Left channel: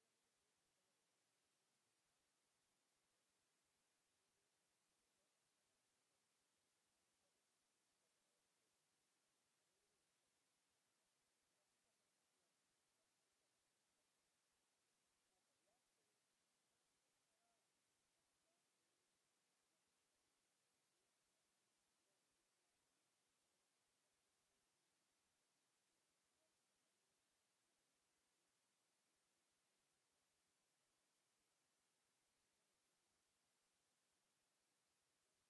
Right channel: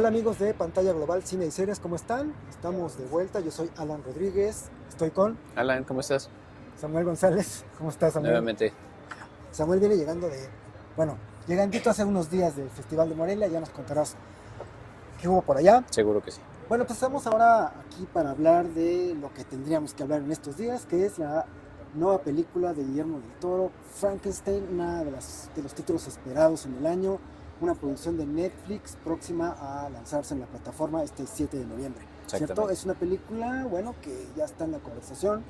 Hola amigos de Pantalla Global Cine y Series, ¿cómo están? Estamos de vuelta, yo soy Alan Rodríguez, estoy con Alan, ¿cómo estás? Samuel González. ¿Cómo estás, Samuel? Nuevamente, Samuel viene llegando bueno, llegandito hace unos días del Festival de Morelia, ya nos contarás qué hubo por allá. seguro que sí. Bueno, pues estamos ahora aquí para hablar de lo que tendríamos que hablar en estos días, que es la nueva película de Guillermo del Toro, Frankenstein, una de los títulos esperados en el año, una producción de Netflix próxima a lanzarse en la plataforma este 7 de noviembre, ¿cierto? Exactamente. Es una película, bueno, que ya está en la conversación,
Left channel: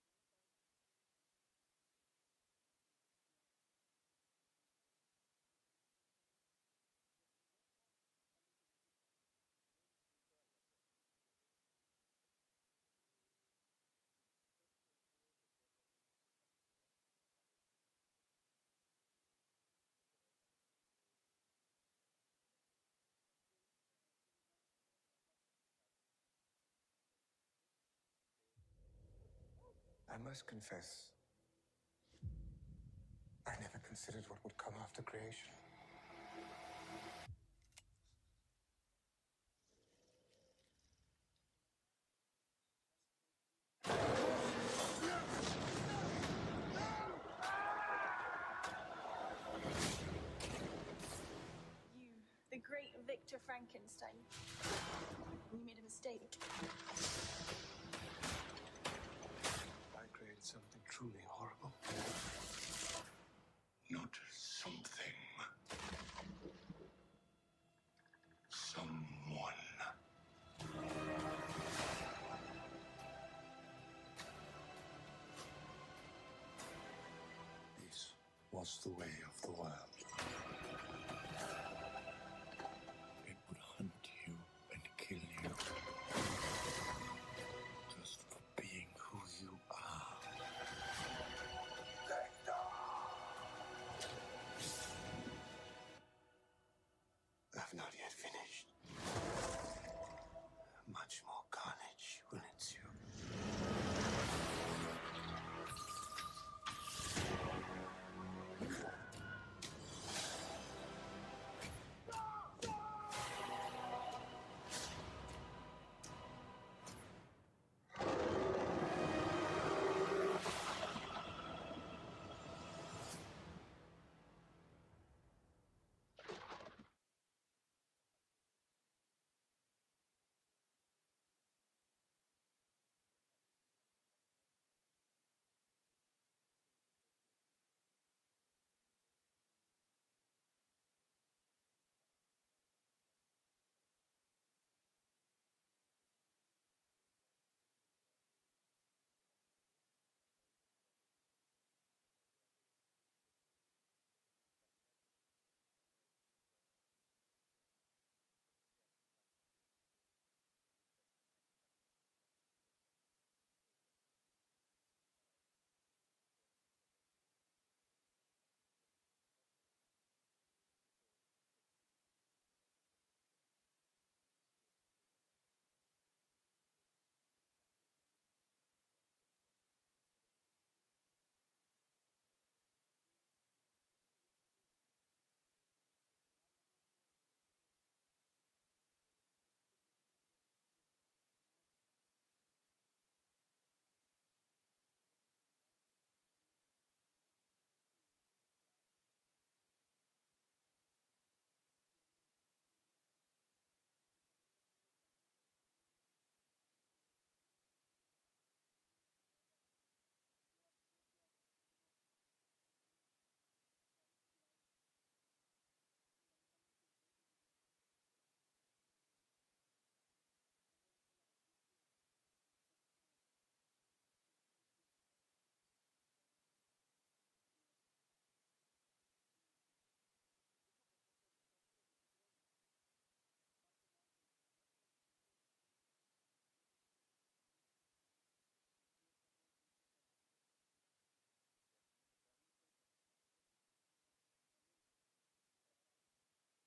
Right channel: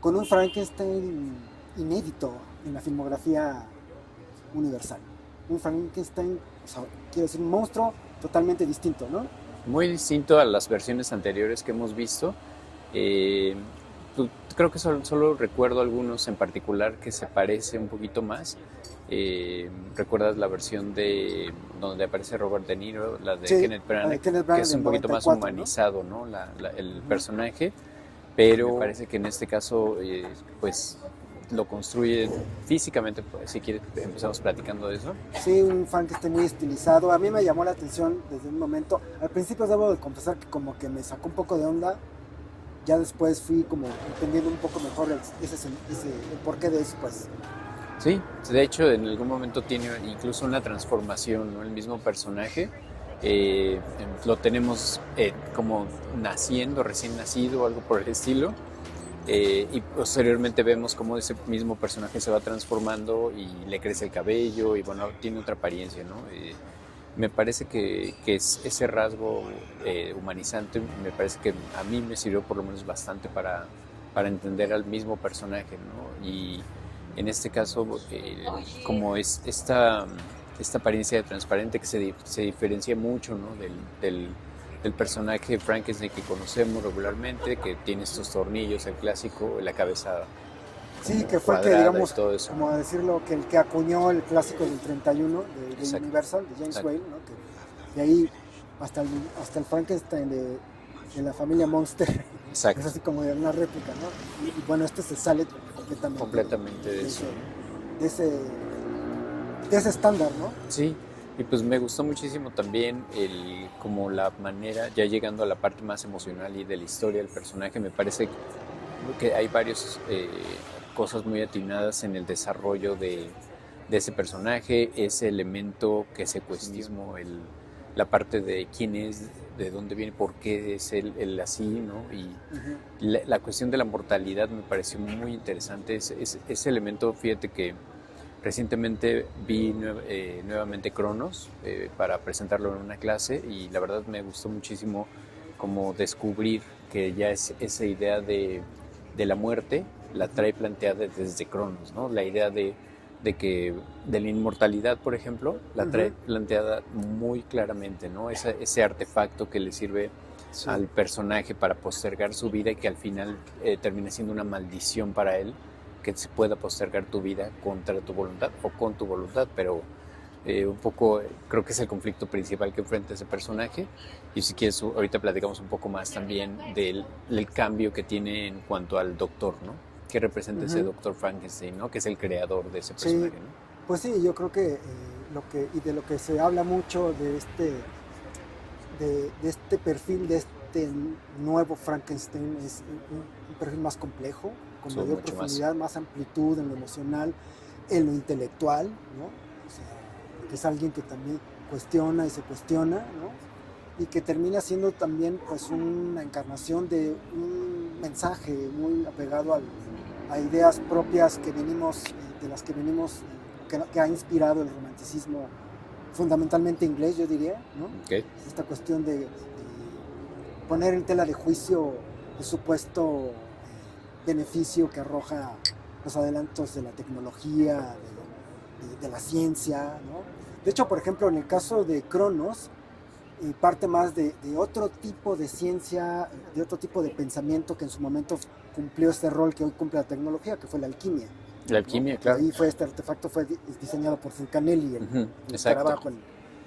con un Frankenstein inédito en la filmografía universal. Un Frankenstein, o sea, quiero decir, un monstruo totalmente distinto, ¿no? Muy distinto a las versiones anteriores que hemos visto. Eh, Creo que solo recuerdo algunos en particular que se parece un poquito más. ¿Recuerdas la versión de donde aparece Robert De Niro, la de Sí, Kenneth la de Branagh, Kenneth que Branagh es del un poquito más 94, ¿no? humanizado, ¿no? El Ujú. personaje, pero me parece que en este caso, pues lo construye físicamente. Si quieres, empezamos platicando de eso. Sí, un fan que esté muy estilizado. A mí me llamó la atención desde un momento. Al principio debo de confesar que como que me sacó un poco de onda. Ya después fui como entendiendo un poco mejor el porqué de eso, pues. Sí, de hecho en algún momento tiene incluso una transformación, ¿no? El mismo personaje lo tenemos como naciendo, recién nacido, algo por el estilo, y posteriormente vemos cómo ese mismo personaje se va transformando y le crece el cabello y bueno, tiene otra apariencia, ¿no? Me parece que ese rasgo humanizante, me parece que a mí me sirvió por lo menos bastante para entender al mismo personaje, ¿no? Y en este caso, como es esta apariencia de transparente que se diferencia mucho, ¿no? Del personaje Frankenstein que conocemos regularmente, que tiene estos tornillos, el clásico, la cabeza Sí, como que fue el que, cuadrada y digamos, todo eso. como decirlo, que el que acuñó el clásico del 31 de Exacto, Universal, de James exacto, Whale, ¿no? Que ahí hasta el Frankenstein de la familia Monster es exacto. así como de una réplica, ¿no? Y bueno, este se sale completamente Completamente de de eso. de ese, de ese estándar, ¿no? Sí, y pues me gustó muchísimo también como la manera, ya llegando a la parte más emocional y de la historia del personaje, me parece que hay varias cosas muy atinadas en el desarrollo de ese personaje, ese elemento que se cuestiona, la parte de quién es, de dónde viene, por qué es él así, ¿no? Y Ujú. la cuestión de la mortalidad me pareció muy interesante, ese elemento, fíjate que recientemente vi nuevamente Cronos para presentarlo en una clase y la verdad me gustó muchísimo como descubrir que ya es esa idea de la muerte la trae planteada desde Cronos, ¿no? La idea de la inmortalidad, por ejemplo, la trae Ujú. planteada muy claramente, ¿no? Ese artefacto que le sirve Sí. al personaje para postergar su vida y que al final termina siendo una maldición para él que se pueda postergar tu vida contra tu voluntad o con tu voluntad, pero un poco creo que es el conflicto principal que enfrenta ese personaje. Y si quieres, ahorita platicamos un poco más también del cambio que tiene en cuanto al doctor, ¿no? ¿Qué representa ese Ujú. doctor Frankenstein, ¿no? Que es el creador de ese Sí, personaje, ¿no? pues sí, yo creo que y de lo que se habla mucho de este perfil, de este nuevo Frankenstein, es un perfil más complejo, con Son mayor mucho más. profundidad, más amplitud en lo emocional, en lo intelectual, ¿no? O sea, porque es alguien que también cuestiona y se cuestiona, ¿no? Y que termina siendo también pues una encarnación de un mensaje muy apegado a ideas propias que venimos, de las que venimos, que ha inspirado el romanticismo fundamentalmente inglés, yo diría, ¿no? Okay. Esta cuestión poner en tela de juicio el supuesto beneficio que arroja los adelantos de la tecnología, de la ciencia, ¿no? De hecho, por ejemplo, en el caso de Cronos, parte más de otro tipo de ciencia, de otro tipo de pensamiento que en su momento cumplió este rol que hoy cumple la tecnología, que fue la alquimia, La ¿no? alquimia, Porque claro. ahí fue este artefacto fue diseñado por Fulcanelli, Ujú, el exacto. escarabajo,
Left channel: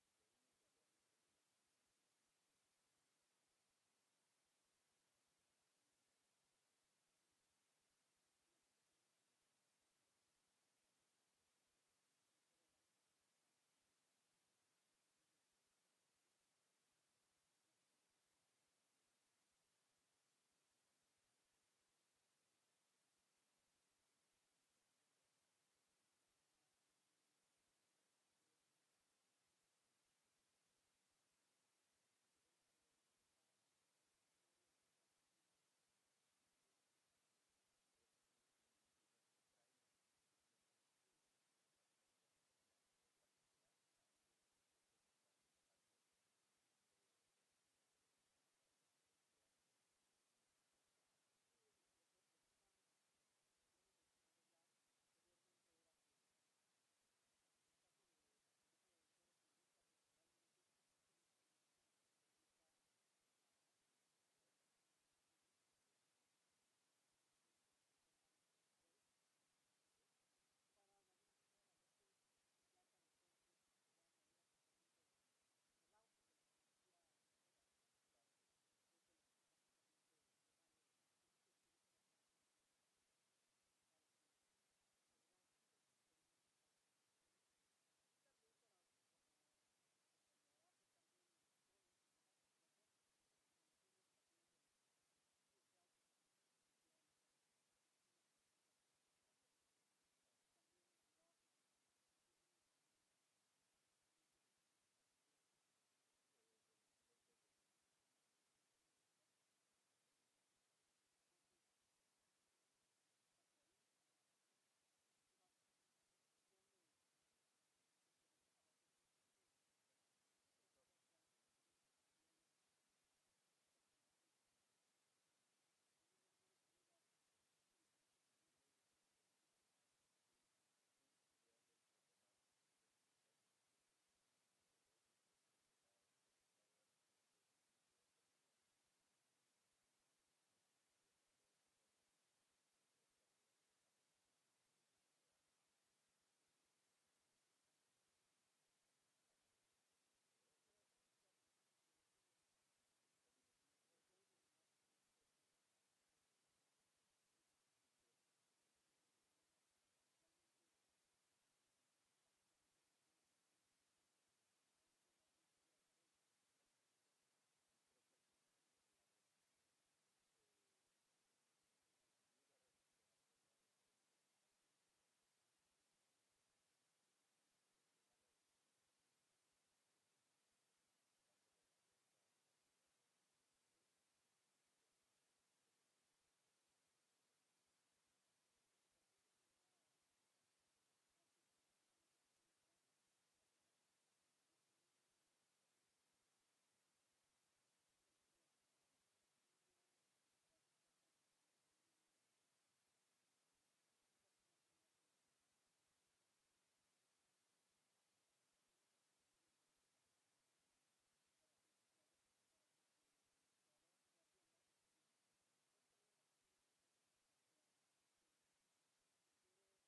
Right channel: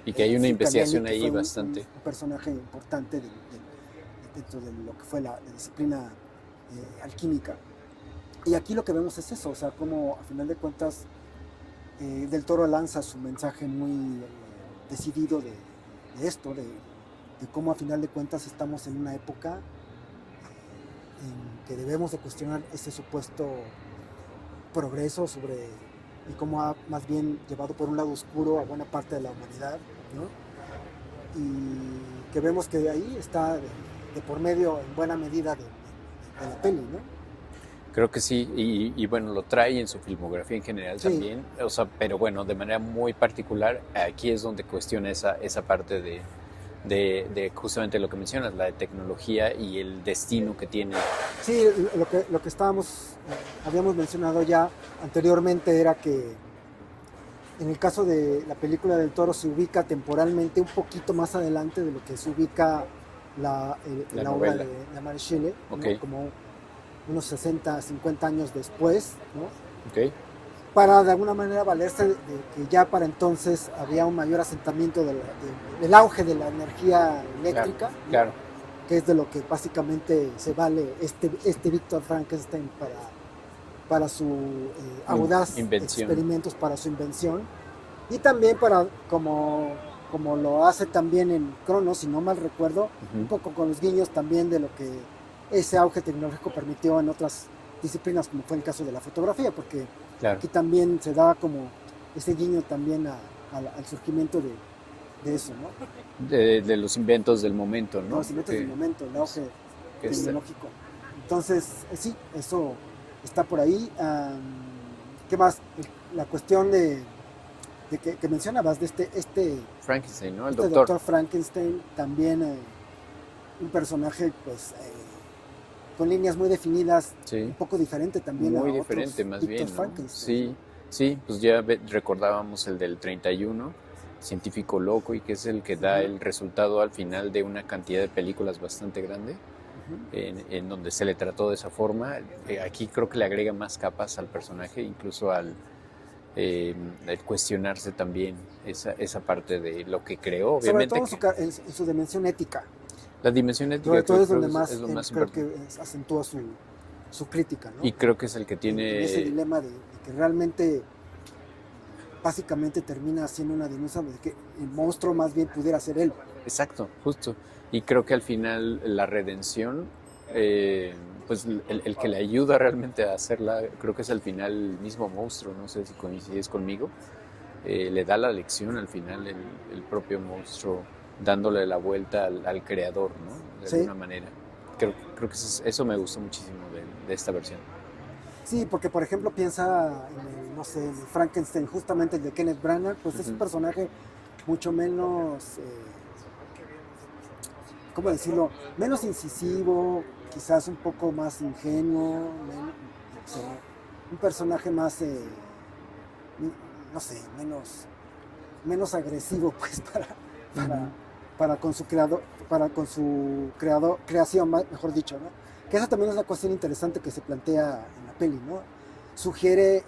Y que hay una Fulcanelli, investigación que ahí fue bastante. un personaje importante dentro de lo que fue la disciplina alquímica. Y aquí lo que vemos es eso, o sea, como a final de cuentas Del Toro lanza su mensaje muy decidido esto, de cómo a final de cuentas estamos en una época en que debemos de cuestionar ese supuesto progreso y cómo ha más bien llevado por un lado oscuro a buena parte de la humanidad, ¿no? Y que vemos que de ahí está de por medio en buena medida de la peli, ¿no? Creo que sí, y bueno, lo trae en su filmografía en general Sí. también, o sea, pero bueno, de manera muy particular, aquí es donde cuestiona esa parte de justamente lo que mencionas, la de tecnología y el destino que tiene. Sí, lo que habíamos mencionado ya anteriormente era que en el caso de la película del Toro se ubica temporalmente un poquito más adelante de lo que se ubica La la obra novela. de Mary Shelley, ¿no? Ok. Como unos 60, 50 años después, ¿no? Ok, Para de alguna manera valerse de que ya para entonces había un mayor asentamiento del auge de la energía eléctrica, ¿no? claro. Que es de lo que básicamente se vale este Víctor Frankenstein para su audaz Invención. experimentos para su invención, y también para, como lo hace también en Cronos, si no mal recuerdo, un poco con los guiños también de lo que ese auge tecnológico permitió en otras disciplinas, como fue el caso de la fotografía, porque Claro. aquí también se daba como ese guiño también al surgimiento de eso, ¿no? De los inventos del momento, ¿no? Los inventos del momento, el auge que tecnológico. Entonces, sí, eso está por ahí. ¿Qué más? La cuestión de que mencionabas de este Frankenstein, ¿no? El doctor Frankenstein, también un personaje pues con líneas muy definidas, Sí. un poco diferente también Muy a diferente, otros más bien, Víctor ¿no? Frankenstein. Sí, sí, pues ya recordábamos el del 31, Científico Loco, y que es el que da el resultado al final de una cantidad de películas bastante grande, en donde se le trató de esa forma. Aquí creo que le agrega más capas al personaje, incluso al cuestionarse también esa parte de lo que creó, Sobre obviamente. todo en su dimensión ética. La dimensión ética Sobre todo es creo donde que más, es lo más creo importante. que acentúa su crítica, ¿no? Y creo que es el que En tiene... ese dilema de que realmente básicamente termina siendo una denuncia de que el monstruo más bien pudiera ser él. Exacto, justo. Y creo que al final la redención, pues el que le ayuda realmente a hacerla, creo que es al final el mismo monstruo, no sé si coincides conmigo, le da la lección al final el propio monstruo, dándole la vuelta al creador, ¿no? De alguna manera. Creo que eso me gustó muchísimo de esta versión. Sí, porque por ejemplo piensa en no sé, en Frankenstein, justamente el de Kenneth Branagh, pues es un personaje mucho menos, ¿cómo decirlo? Menos incisivo, quizás un poco más ingenuo, o sea, un personaje más, no sé, menos agresivo, pues, para con su creación, mejor dicho, ¿no? Que eso también es una cuestión interesante que se plantea en la peli, ¿no? Sugiere,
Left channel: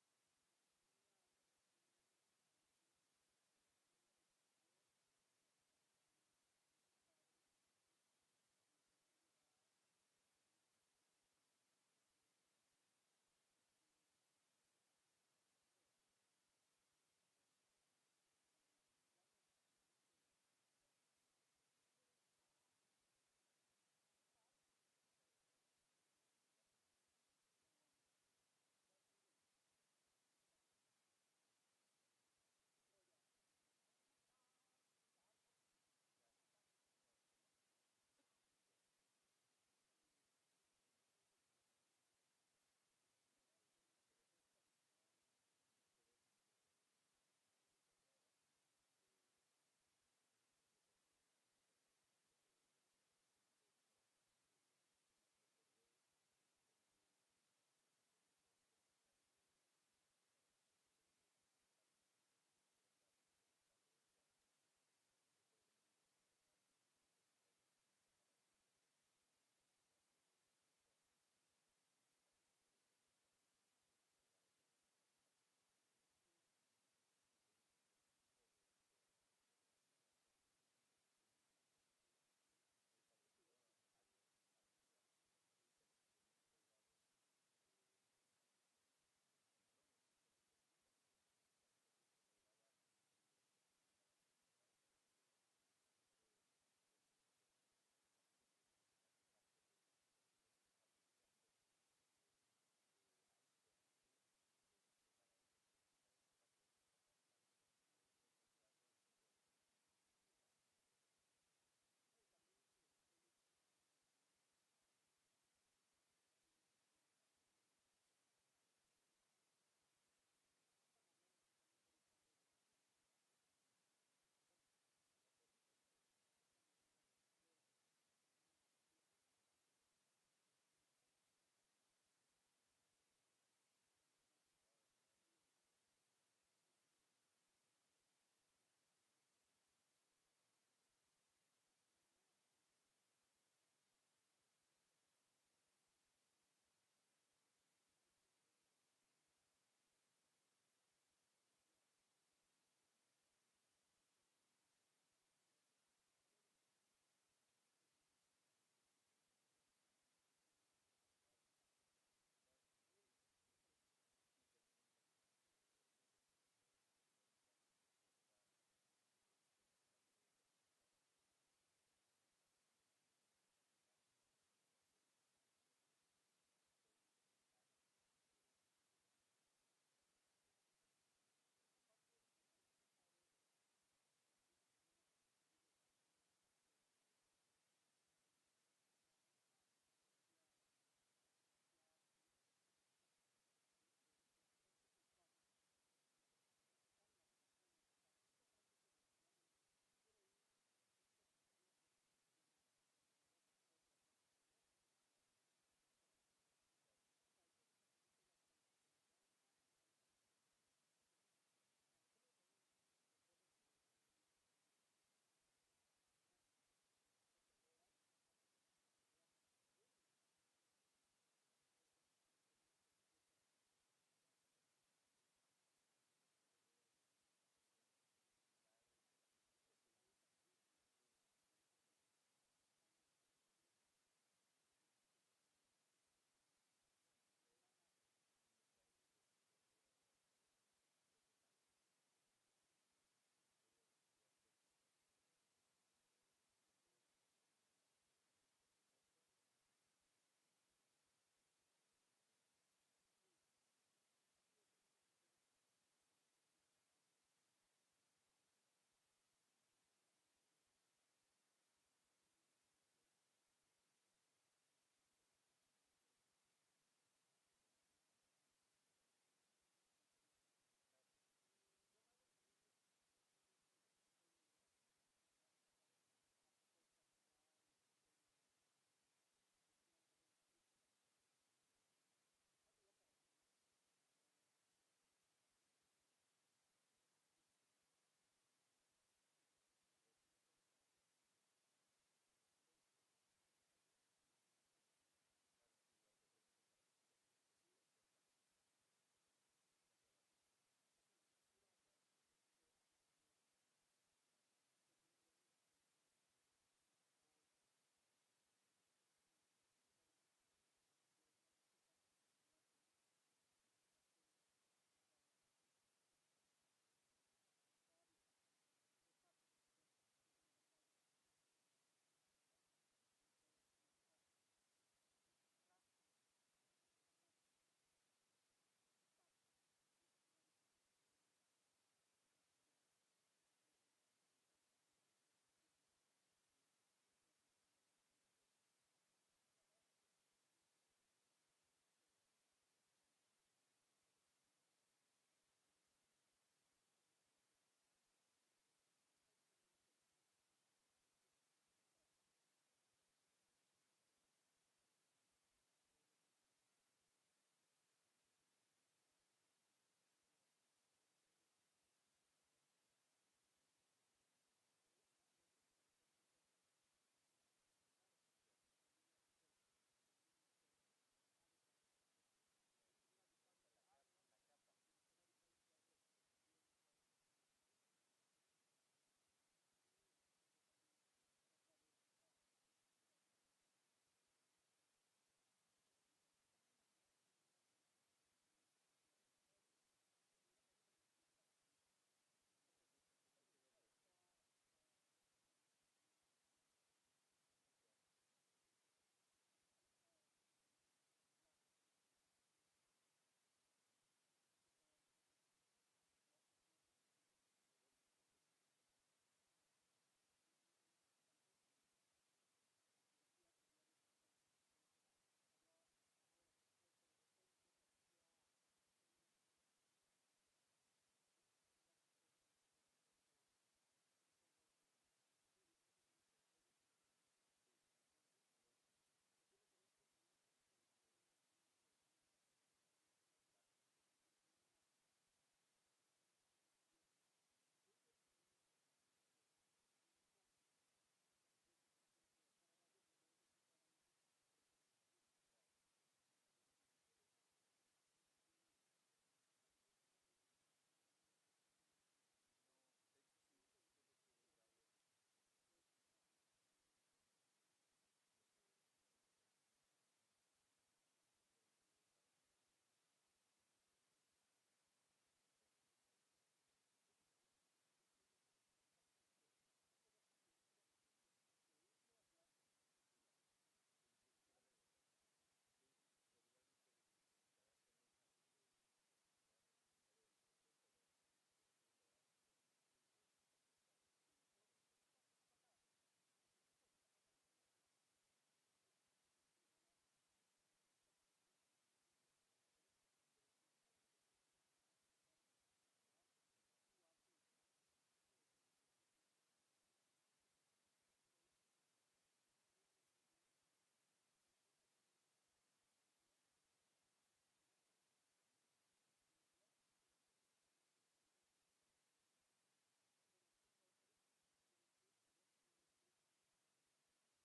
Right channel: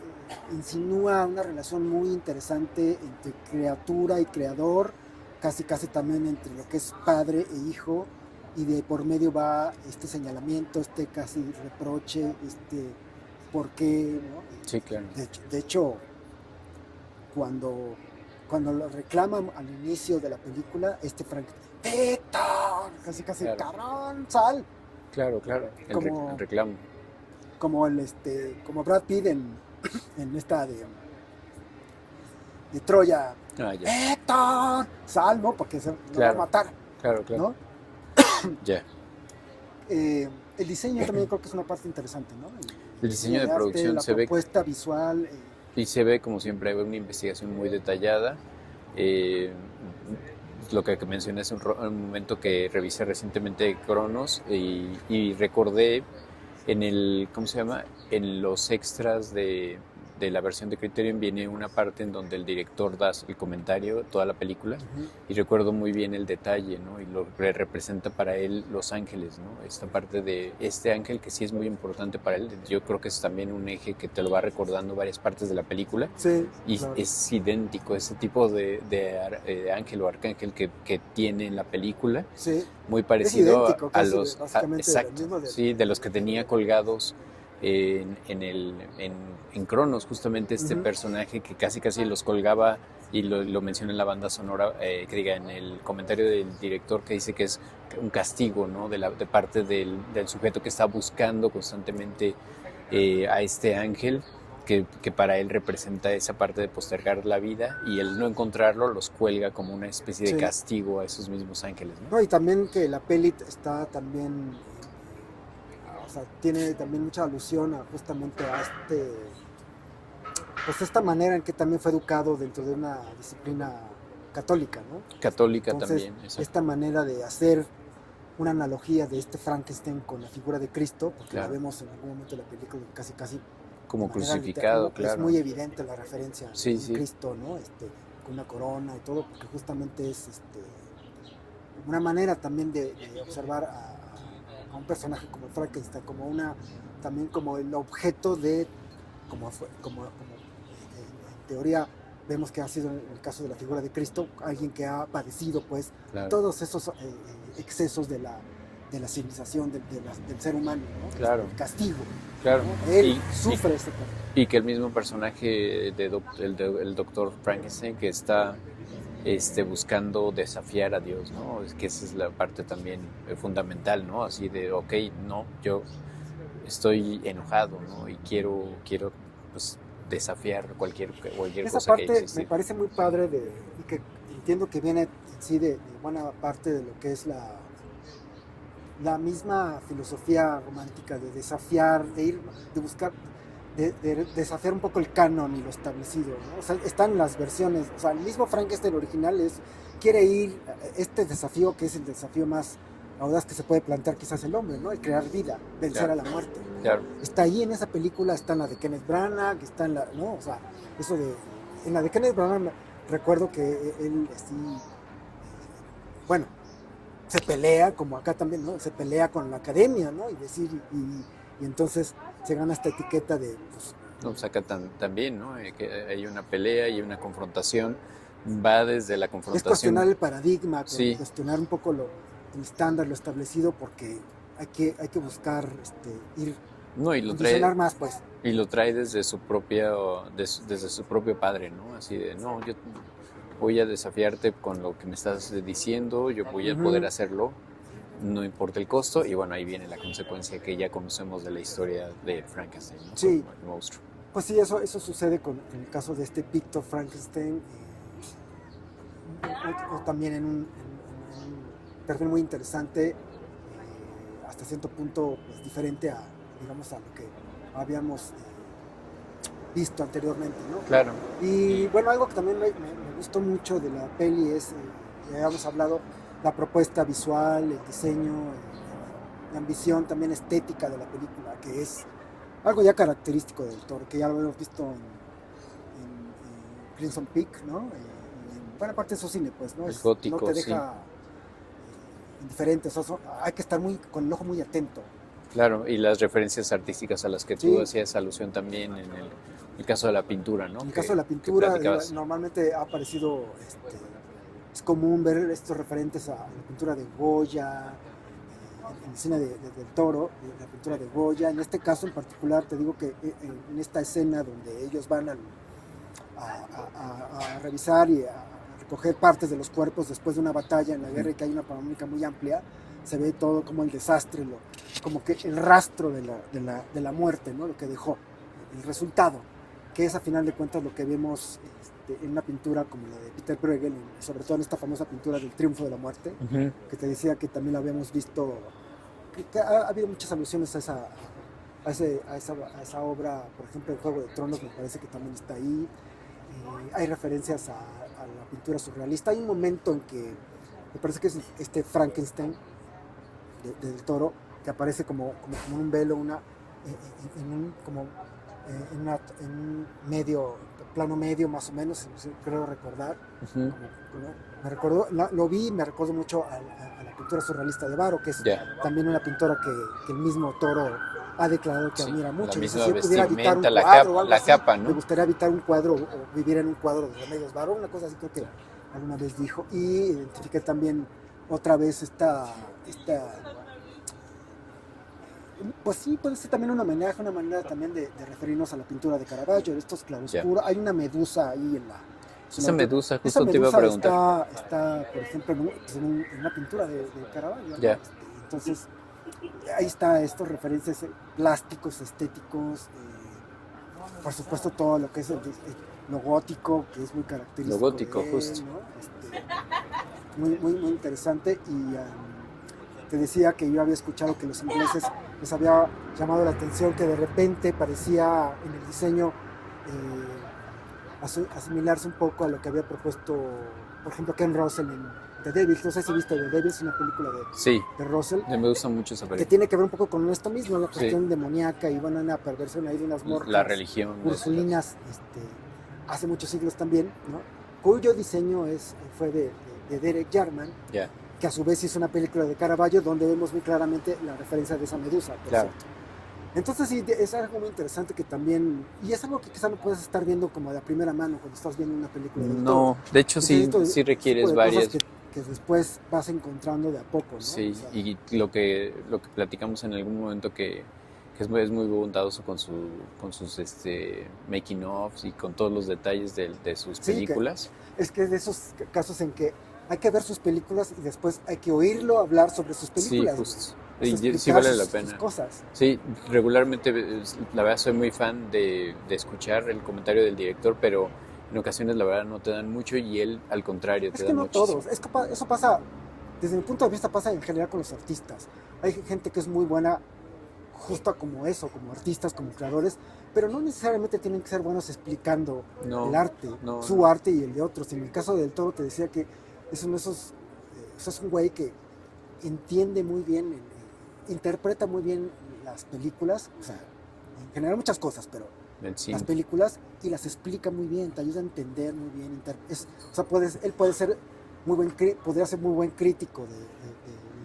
insinúa una relación muy interesante entre criatura y creador, casi también entre lo que es padre e hijo, y de por medio va este señalamiento, este casi reproche, este por qué, ¿no? Sí, claro. De hecho, cuando lo reclaman al inicio de la película, Frank, ¡Víctor! Casi, claro. ¡Cabrón, sal! Claro, el reclamo. Como Brad Pitt en esta de Troya. ¡Víctor! Sal, ¿no? Porque se lo va a matar. Claro. ¿No? Ya. El diseño también creo que es una parte interesante, ¿no? El diseño de producción se ve... La propuesta visual... Y se ve, como siempre, una investigación muy detallada. Lo que mencioné hace un momento, que revisé recientemente Cronos y recordé ¿cómo se llama? En los extras de la versión de Criterion viene una parte en donde el director da el comentario, toda la película, y recuerdo muy bien el detalle, ¿no? Y lo que representa para él Los Ángeles, ¿no? Esta parte de este ángel que sí es muy importante para él. Yo creo que es también un eje que te lo va recordando varias partes de la película. Sí, y claro, es idéntico ese tipo de ángel o arcángel que tiene en la película. Sí. Muy parecido idéntico, a los... básicamente exacto, sí, de los que tenía colgados en Cronos, justamente este personaje que casi los colgaba, y lo menciona en la banda sonora, que diga en el comentario del director, que dice que es un castigo, ¿no? De parte del sujeto que está buscando constantemente a este ángel, que para él representa esa parte de postergar la vida, y el no encontrarlo los cuelga como una especie de Sí. castigo a esos mismos ángeles, ¿no? No, y también que la peli está también, o sea, tiene también mucha alusión a justamente a pues esta manera en que también fue educado dentro de una disciplina católica, ¿no? Católica Entonces, también, exacto. esta manera de hacer una analogía de este Frankenstein con la figura de Cristo, porque Claro. la vemos en algún momento de la película casi Como de manera crucificado, literal, claro. es muy evidente la referencia Sí, en sí. Cristo, ¿no? Con una corona y todo, porque justamente es una manera también de observar a un personaje como Frankenstein, también como el objeto como en teoría vemos que ha sido en el caso de la figura de Cristo, alguien que ha padecido pues Claro. todos esos excesos de la civilización, del ser humano, ¿no? Claro. El castigo. Claro. ¿No? Él sufre ese castigo. Y que el mismo personaje el doctor Frankenstein, que está buscando desafiar a Dios, ¿no? Es que esa es la parte también fundamental, ¿no? Así de, ok, no, yo estoy enojado, ¿no? Y quiero pues, desafiar cualquier Esa cosa que parte existe. me parece muy padre y que entiendo que viene en sí de buena parte de lo que es la misma filosofía romántica de desafiar, de buscar, de desafiar un poco el canon y lo establecido, ¿no? O sea, están las versiones, o sea, el mismo Frankenstein original quiere ir este desafío que es el desafío más audaz que se puede plantear quizás el hombre, ¿no? El crear vida, vencer Claro. a la muerte. Claro. Está ahí en esa película, está en la de Kenneth Branagh, está en la, ¿no? O sea, en la de Kenneth Branagh recuerdo que él, bueno, se pelea, como acá también, ¿no? Se pelea con la academia, ¿no? Y entonces se gana esta etiqueta de, pues, No, saca también, ¿no? Que hay una pelea y una confrontación. Va desde la confrontación. Es cuestionar el paradigma, sí. Cuestionar un poco el estándar, lo establecido, porque hay que buscar ir no, y lo trae más, pues. Y lo trae desde su desde su propio padre, ¿no? Así de, no, yo voy a desafiarte con lo que me estás diciendo, yo voy a poder hacerlo, no importa el costo, y bueno, ahí viene la consecuencia que ya conocemos de la historia de Frankenstein, ¿no? Sí. Como el monstruo. Pues sí, eso sucede en el caso de Victor Frankenstein, o también en un perfil muy interesante, hasta cierto punto pues, diferente digamos, a lo que habíamos visto anteriormente, ¿no? Claro. Y bueno, algo que también me gustó mucho de la peli es, ya habíamos hablado, la propuesta visual, el diseño, la ambición también estética de la película, que es algo ya característico del Toro, que ya lo hemos visto en Crimson Peak, ¿no? En buena parte de su cine, pues, ¿no? El gótico, no te deja indiferente, hay que estar con el ojo muy atento. Claro, y las referencias artísticas a las que tú hacías alusión también en el caso de la pintura, ¿no? En el caso de la pintura, normalmente ha aparecido, es común ver estos referentes a la pintura de Goya, en el cine del Toro, la pintura de Goya. En este caso en particular, te digo que en esta escena donde ellos van a revisar y a recoger partes de los cuerpos después de una batalla en la guerra y que hay una panorámica muy amplia, se ve todo como el desastre, como que el rastro de la muerte, ¿no? Lo que dejó, el resultado, que es a final de cuentas lo que vemos en una pintura como la de Peter Bruegel, sobre todo en esta famosa pintura del Triunfo de la Muerte, que te decía que también la habíamos visto, que ha habido muchas alusiones a esa obra, por ejemplo, el Juego de Tronos me parece que también está ahí. Hay referencias a la pintura surrealista. Hay un momento en que me parece que es este Frankenstein del Toro, que aparece como un velo, en un plano medio más o menos, creo recordar. Lo vi y me recuerdo mucho a la pintura surrealista de Varo, que es también una pintura que el mismo Toro ha declarado que admira mucho. La si yo pudiera habitar un cuadro o algo así, capa, ¿no? me gustaría habitar un cuadro o vivir en un cuadro de Remedios Varo, una cosa así creo que alguna vez dijo. Y identifiqué también otra vez esta Pues sí, puede ser también un homenaje, una manera también de referirnos a la pintura de Caravaggio, de estos Ya. claroscuros. Hay una medusa ahí Esa medusa, esa justo te iba a medusa preguntar. está por ejemplo, en una pintura de Caravaggio, ¿no? Ya. Entonces, ahí está estos referencias plásticos, estéticos, por supuesto todo lo que es lo gótico, que es muy característico Lo gótico, de él, justo. ¿no? Muy interesante. Y te decía que yo había escuchado que los ingleses les había llamado la atención que de repente parecía en el diseño asimilarse un poco a lo que había propuesto, por ejemplo, Ken Russell en The Devils. No sé si viste The Devils, una película Sí, de Russell, me gusta mucho esa que película. tiene que ver un poco con esto mismo, la Sí. cuestión demoníaca y bueno, una perversión ahí de unas morras La religión. ursulinas, hace muchos siglos también, ¿no? Cuyo diseño fue de Derek Jarman, Ya. que a su vez hizo una película de Caravaggio donde vemos muy claramente la referencia de esa medusa, por Claro. cierto. Entonces sí, es algo muy interesante que también, y es algo que quizá no puedes estar viendo como de a primera mano cuando estás viendo una película del Toro. No, de hecho sí, Entonces, sí tipo requieres de varias. cosas que después vas encontrando de a poco, ¿no? Sí, O sea, y lo que platicamos en algún momento que es muy bondadoso con sus making ofs y con todos los detalles de sus sí, películas. es que es de esos casos en que hay que ver sus películas y después hay que oírlo hablar sobre sus películas. Sí, justo. O sea, Y sí explicar vale la sus pena. cosas. Sí, regularmente, la verdad, soy muy fan de escuchar el comentario del director, pero en ocasiones, la verdad, no te dan mucho y él, al contrario, Es te que da no muchísimo. todos, eso pasa, desde mi punto de vista pasa en general con los artistas. Hay gente que es muy buena justo como eso, como artistas, como creadores, pero no necesariamente tienen que ser buenos explicando No, el arte, no, su no. arte y el de otros. En el caso del Toro te decía que es uno de esos, es un güey que entiende muy bien, interpreta muy bien las películas, o sea, en general muchas cosas, pero El las cine. películas y las explica muy bien, te ayuda a entender muy bien. O sea, él puede ser podría ser muy buen crítico del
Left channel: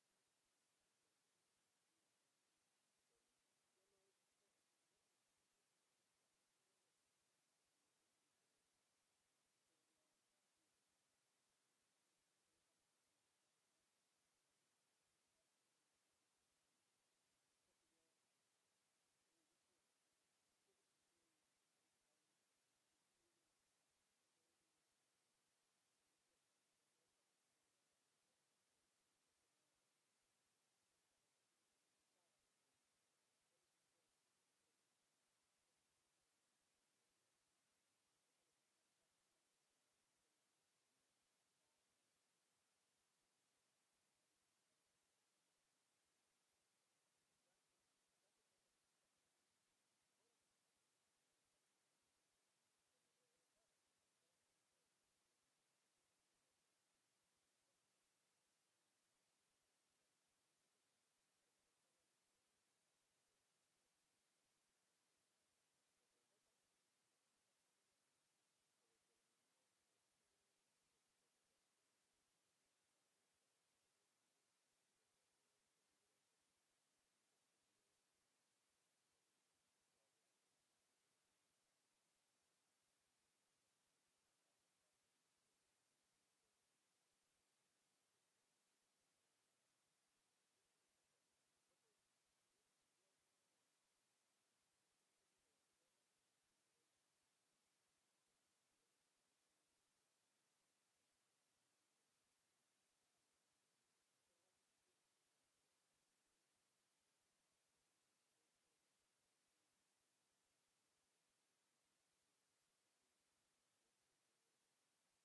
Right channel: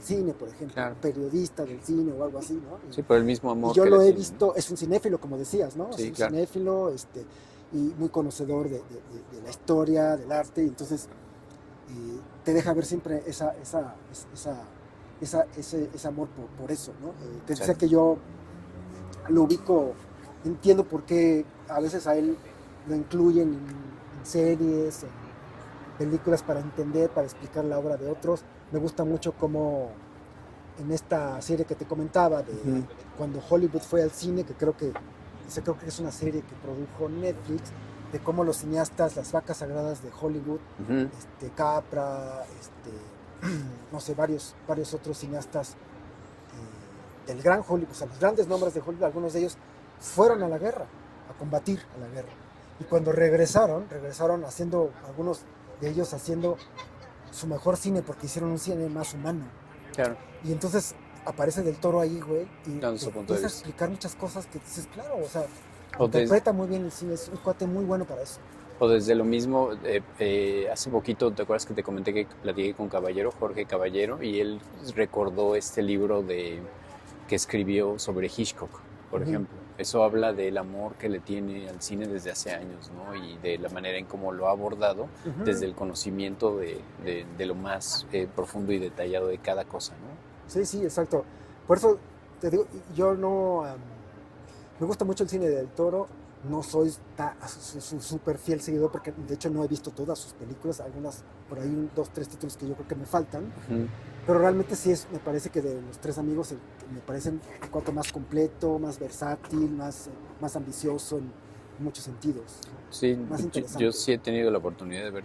cine, por ejemplo, Claro. periodista del cine o algo así, ¿no? Sí, por el mismo Y amor yo que lo le he tiene, ¿no? visto, es un cinéfilo, como decías, ¿no? Sí, Es un claro. cinéfilo, y muy conocedor de la historia, del arte, y entonces te deja ver siempre ese amor por eso, ¿no? Te decía que yo lo ubico, entiendo por qué a veces a él lo incluyen en series, en películas para entender, para explicar la obra de otros. Me gusta mucho cómo en esta serie que te comentaba, Ujú. cuando Hollywood fue al cine, creo que es una serie que produjo Netflix, de cómo los cineastas, las vacas sagradas de Hollywood, Ujú. Capra, no sé, varios otros cineastas del gran Hollywood, o sea, los grandes nombres de Hollywood, algunos de ellos fueron a la guerra, a combatir a la guerra. Y cuando regresaron haciendo, algunos de ellos haciendo su mejor cine, porque hicieron un cine más humano. Claro. Y entonces aparece Del Toro ahí, güey, y Dando te su punto de empieza a vista. explicar muchas cosas que dices, claro, o sea, O interpreta muy bien el cine, es un cuate muy bueno para eso. O desde lo mismo, hace poquito, ¿te acuerdas que te comenté que platiqué con Caballero, Jorge Caballero, y él recordó este libro que escribió sobre Hitchcock, por Ujú. ejemplo? Eso habla del amor que le tiene al cine desde hace años, ¿no? Y de la manera en cómo lo ha abordado Ujú. desde el conocimiento de lo más profundo y detallado de cada cosa, ¿no? Sí, sí, exacto. Por eso te digo, yo no... me gusta mucho el cine del Toro, no soy su súper fiel seguidor porque de hecho no he visto todas sus películas, algunas por ahí, 2, 3 títulos que yo creo que me faltan, Ujú. pero realmente sí me parece que de los tres amigos me parece un cuanto más completo, más versátil, más ambicioso en muchos sentidos, Sí, más yo interesante. sí he tenido la oportunidad de ver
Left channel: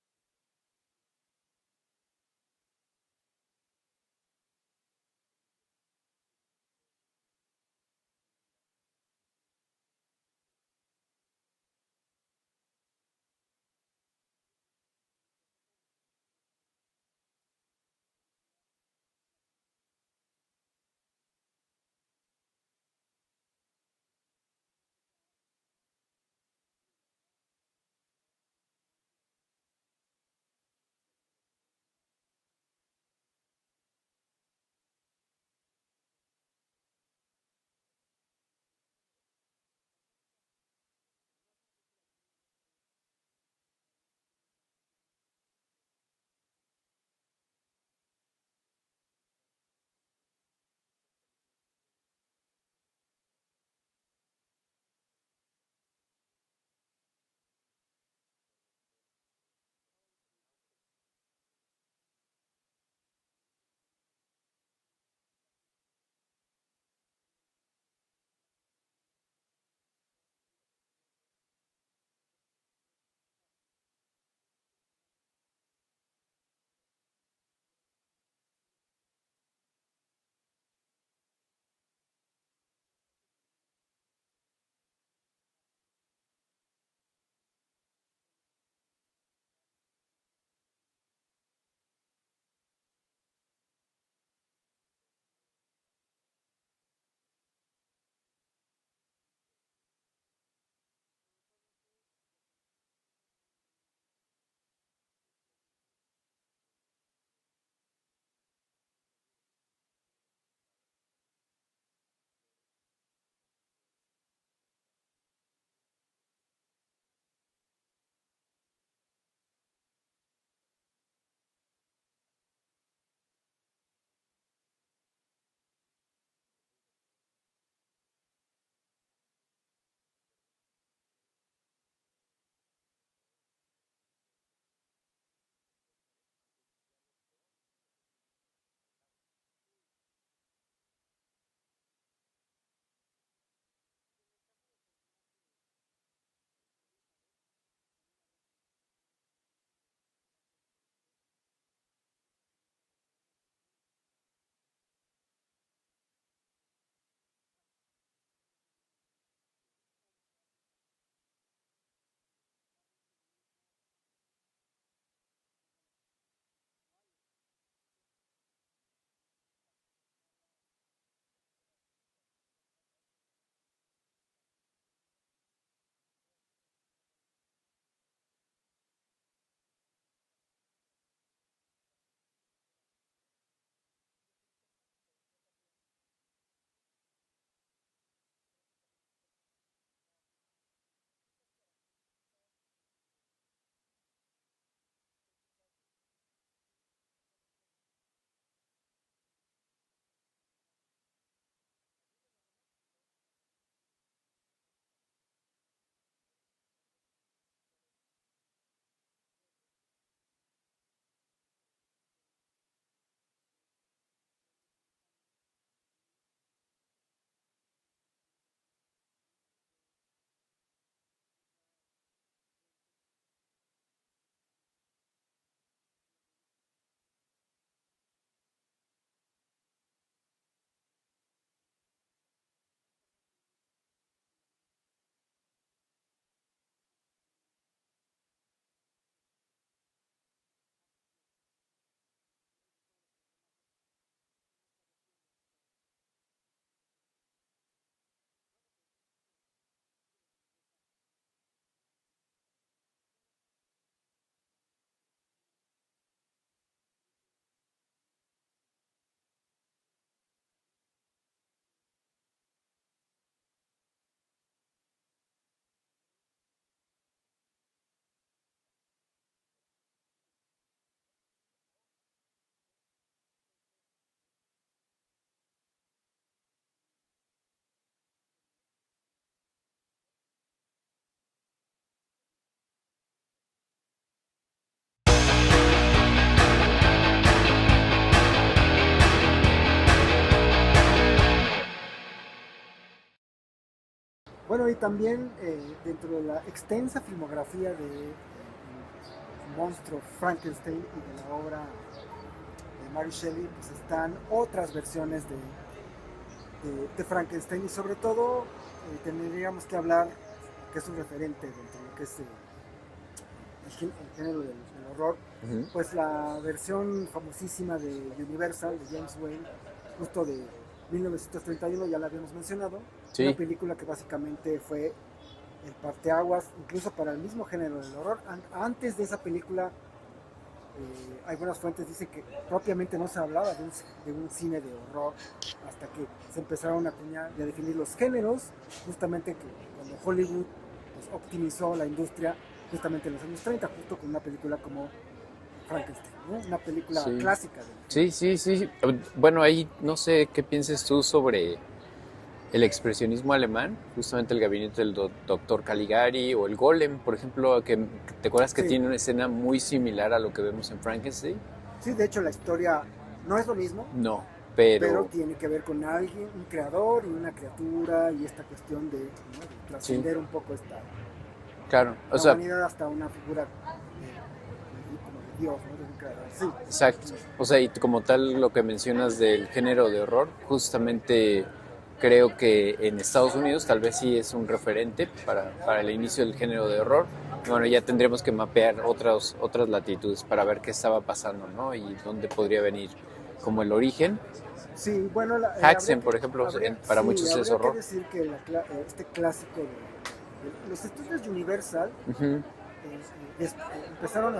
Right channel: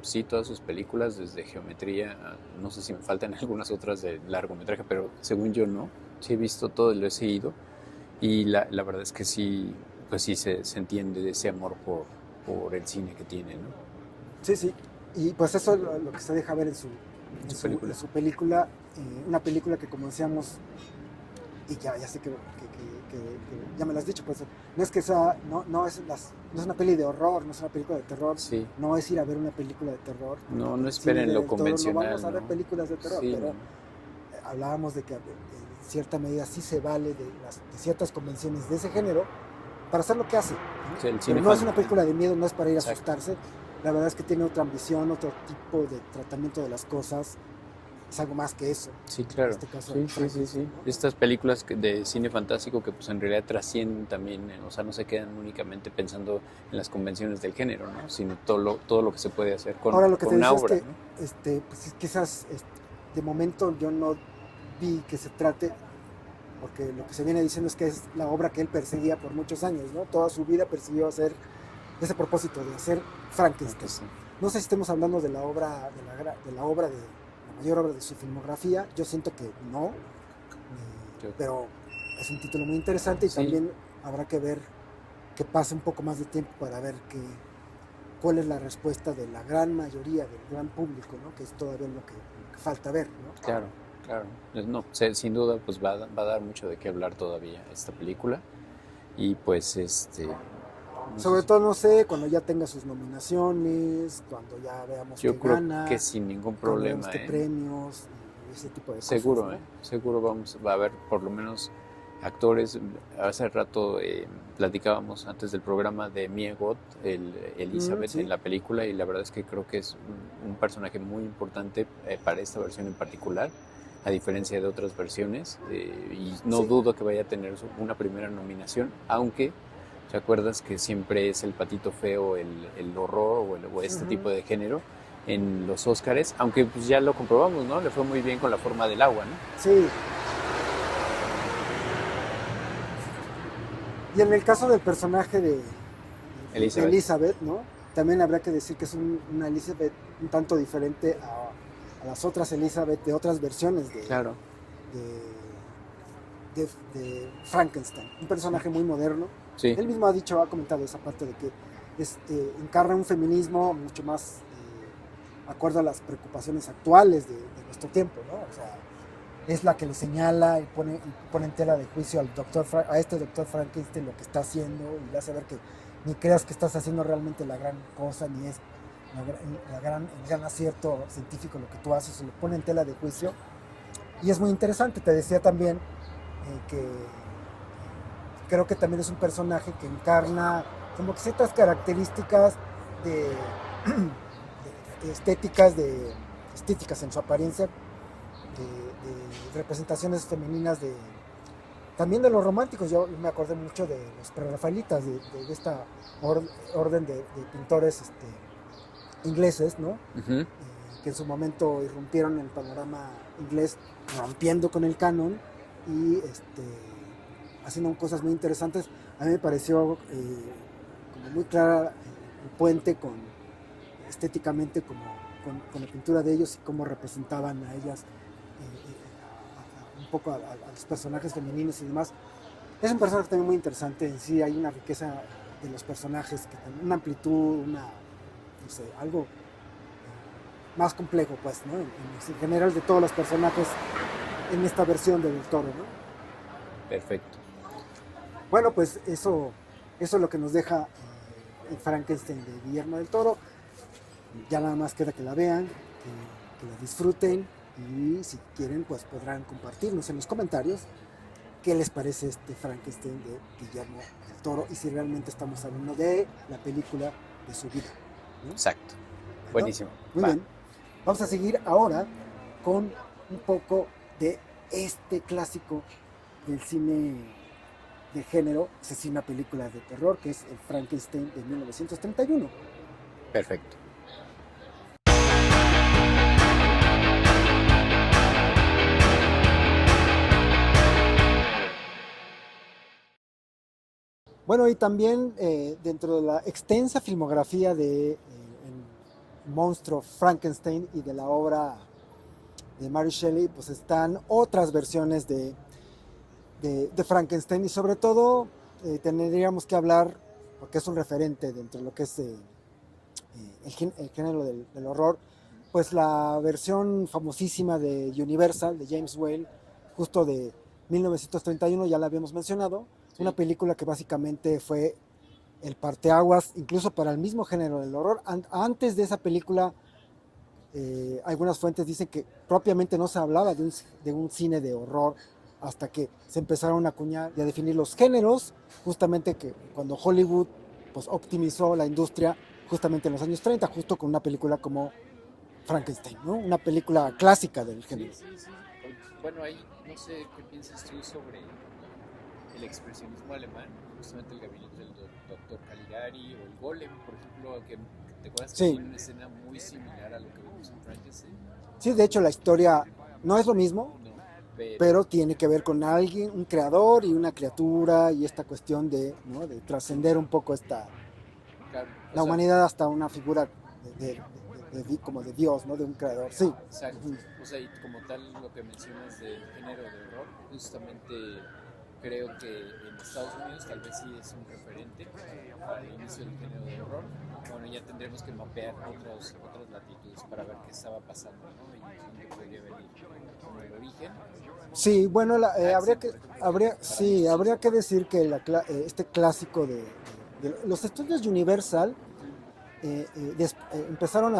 sí, todas sus películas, desde Geometría, no sé si me faltan algunas otras de largometraje, pero según yo no, sí he visto todo, lo he seguido, y la verdad es que sí, pues sí se entiende de ese amor por el cine que tiene, ¿no? Sí, sí, y pues eso es lo que se deja ver en Su película. en su película, una película que como decíamos, y ya sé que ya me lo has dicho, pues no es que sea, no es una peli de horror, no es una película de terror, Sí, no es ir a ver una película de terror. no El cine esperen lo del Toro, no convencional, vamos a ver ¿no? películas de terror, Sí, pero no. hablábamos de que en cierta medida sí se vale de ciertas convenciones de ese género para hacer lo que hace, ¿no? Sí, el Pero cine no es una película de miedo, no es para ir a Exacto. asustarse. La verdad es que tiene otra ambición, otro tipo de tratamiento de las cosas. es algo más que eso. Sí, En claro. este caso, Sí. Frankenstein, ¿no? Estas películas de cine fantástico que pues en realidad trascienden también, o sea, no se quedan únicamente pensando en las convenciones del género, ¿no? Sino todo lo que se puede hacer Ahora lo que con te una decía es obra, que ¿no? pues, quizás de momento yo no vi que se trate, porque lo que se viene diciendo es que es la obra que él perseguía por muchos años, ¿no? Toda su vida persiguió hacer ese propósito de hacer Frankenstein. Sí. No sé si estemos hablando de la obra, de la obra de la mayor obra de su filmografía. Yo siento que no, pero es un título muy interesante y Sí. también habrá que ver que pase un poco más de tiempo para ver cuál es la respuesta de la gran mayoría del gran público, ¿no? Que es todavía lo que falta ver, ¿no? Claro. No, sin duda pues va a dar mucho de qué hablar todavía esta película y pues Sobre todo, no sé, cuando ya tenga sus nominaciones, cuando ya veamos yo qué creo gana, que sin ningún cuando veamos problema, qué premios y ese tipo de seguro, cosas, ¿no? seguro va a haber por lo menos actores. Hace rato platicábamos antes del programa de Mia Goth, Elizabeth Sí. en la película, y la verdad es que creo que es un personaje muy importante para esta versión en particular, a diferencia de otras versiones, y no Sí. dudo que vaya a tener una primera nominación, aunque ¿te acuerdas que siempre es el patito feo, el horror o este tipo de género en los Óscares? Aunque pues ya lo comprobamos, ¿no? Le fue muy bien con La forma del agua, ¿no? Sí. Y en el caso del personaje de Elizabeth, ¿no? También habría que decir que es una Elizabeth un tanto diferente a las otras Elizabeth de otras versiones Claro. de Frankenstein. Un personaje muy moderno. Sí. Él mismo ha comentado esa parte de que encarna un feminismo mucho más acorde a las preocupaciones actuales de nuestro tiempo, ¿no? O sea, es la que le señala y pone en tela de juicio a este doctor Frankenstein lo que está haciendo y le hace ver que ni creas que estás haciendo realmente la gran cosa, ni es el gran acierto científico lo que tú haces, se lo pone en tela de juicio. Y es muy interesante, te decía también que creo que también es un personaje que encarna como que ciertas características de estéticas en su apariencia, de representaciones femeninas, también de los románticos. Yo me acordé mucho de los prerrafaelitas, de esta orden de pintores ingleses, ¿no? Uh-huh. Que en su momento irrumpieron en el panorama inglés, rompiendo con el canon y haciendo cosas muy interesantes. A mí me pareció como muy clara el puente estéticamente con la pintura de ellos y cómo representaban a ellas, un poco a los personajes femeninos y demás. Es un personaje también muy interesante. En sí hay una riqueza de los personajes, una amplitud, no sé, algo más complejo, pues, ¿no? En general de todos los personajes en esta versión de Del Toro, ¿no? Perfecto. Bueno, pues eso es lo que nos deja el Frankenstein de Guillermo del Toro. Ya nada más queda que la vean, que la disfruten y si quieren pues podrán compartirnos en los comentarios qué les parece este Frankenstein de Guillermo del Toro y si realmente estamos hablando de la película de su vida, ¿no? Exacto. Buenísimo. Muy bien. Vamos a seguir ahora con un poco de este clásico del cine de género, asesina películas de terror, que es el Frankenstein de 1931. Perfecto. Bueno, y también dentro de la extensa filmografía de monstruo Frankenstein y de la obra de Mary Shelley, pues están otras versiones de Frankenstein y sobre todo tendríamos que hablar, porque es un referente dentro de lo que es el género del horror, Uh-huh. pues la versión famosísima de Universal, de James Whale, justo de 1931, ya la habíamos mencionado, Sí. Una película que básicamente fue el parteaguas incluso para el mismo género del horror. Antes de esa película, algunas fuentes dicen que propiamente no se hablaba de un cine de horror hasta que se empezaron a acuñar y a definir los géneros, justamente que cuando Hollywood pues, optimizó la industria justamente en los años 30, justo con una película como Frankenstein, ¿no? Una película Sí, clásica del género. sí. Bueno, ahí no sé qué pienses tú sobre el expresionismo alemán, justamente el gabinete del doctor Caligari o el Golem, por ejemplo, que te acuerdas que Sí, tiene una escena muy similar a lo que vemos en Frankenstein. sí, de hecho la historia no es lo mismo, No, pero pero tiene que ver con alguien, un creador y una criatura y esta cuestión de, ¿no? De sí, trascender un poco claro, o la sea, humanidad hasta una figura como de Dios, ¿no? De un creador. Sí. exacto. O sea, y como tal lo que mencionas del género de horror, justamente creo que en Estados Unidos tal vez sí es un referente para el inicio del género de horror. Bueno, ya tendremos que mapear otras latitudes para ver qué estaba pasando, ¿no? Y dónde podría venir como el origen. Sí, bueno, Haxen, por ejemplo, para sí, muchos es habría que horror. decir que este clásico de los estudios Universal Ujú, empezaron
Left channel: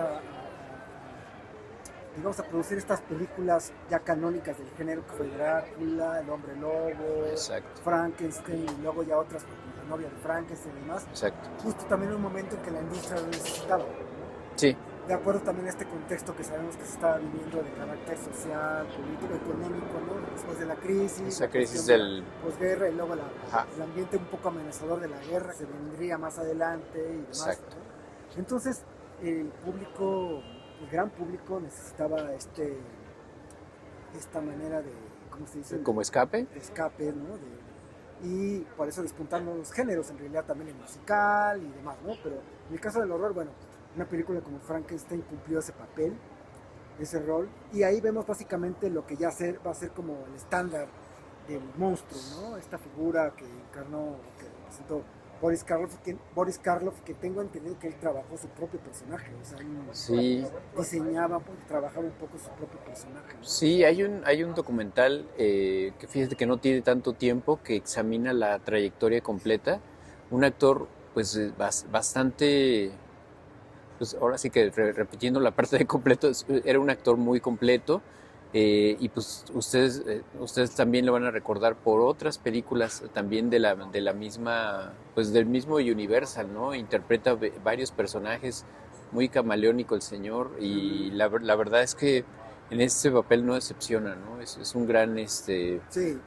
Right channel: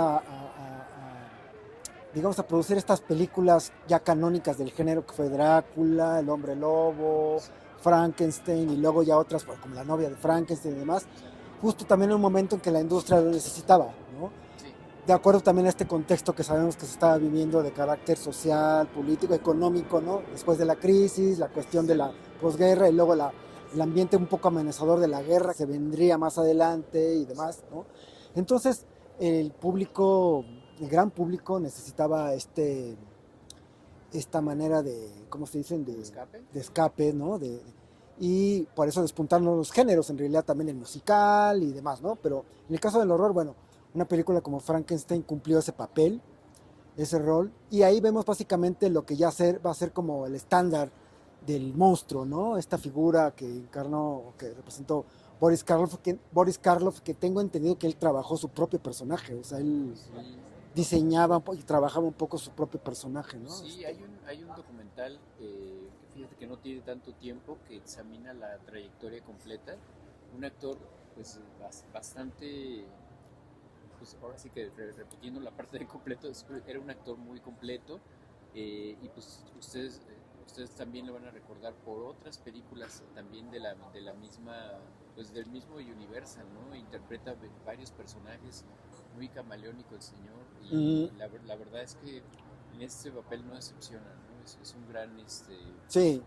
digamos, a producir estas películas ya canónicas del género que fue Drácula, El Hombre Lobo, exacto, Frankenstein y luego ya otras como La Novia de Frankenstein y demás, exacto. justo también en un momento en que la industria lo necesitaba, ¿no? Sí, De acuerdo también a este contexto que sabemos que se estaba viviendo de carácter social, político, económico, ¿no? Después de la crisis, esa la crisis cuestión de la del... posguerra y luego Ajá, el ambiente un poco amenazador de la guerra que vendría más adelante y demás, exacto. ¿no? Entonces, el público, el gran público necesitaba esta manera de, ¿cómo se dicen? Como escape. De escape, ¿no? Y por eso despuntaron los géneros, en realidad también el musical y demás, ¿no? Pero en el caso del horror, bueno, una película como Frankenstein cumplió ese papel, ese rol, y ahí vemos básicamente lo que ya va a ser como el estándar del monstruo, ¿no? Esta figura que encarnó, que representó Boris Karloff, que tengo entendido que él trabajó su propio personaje, o sea, él Sí, diseñaba y trabajaba un poco su propio personaje, ¿no? sí, hay un documental que fíjate que no tiene tanto tiempo que examina la trayectoria completa. Un actor, pues, bastante, pues ahora sí que repitiendo la parte de completo, era un actor muy completo. Y pues ustedes también lo van a recordar por otras películas también de la misma, pues del mismo Universal, ¿no? Interpreta varios personajes, muy camaleónico el señor, y Ujú. la verdad es que en este papel no decepciona, ¿no? Es un gran Sí,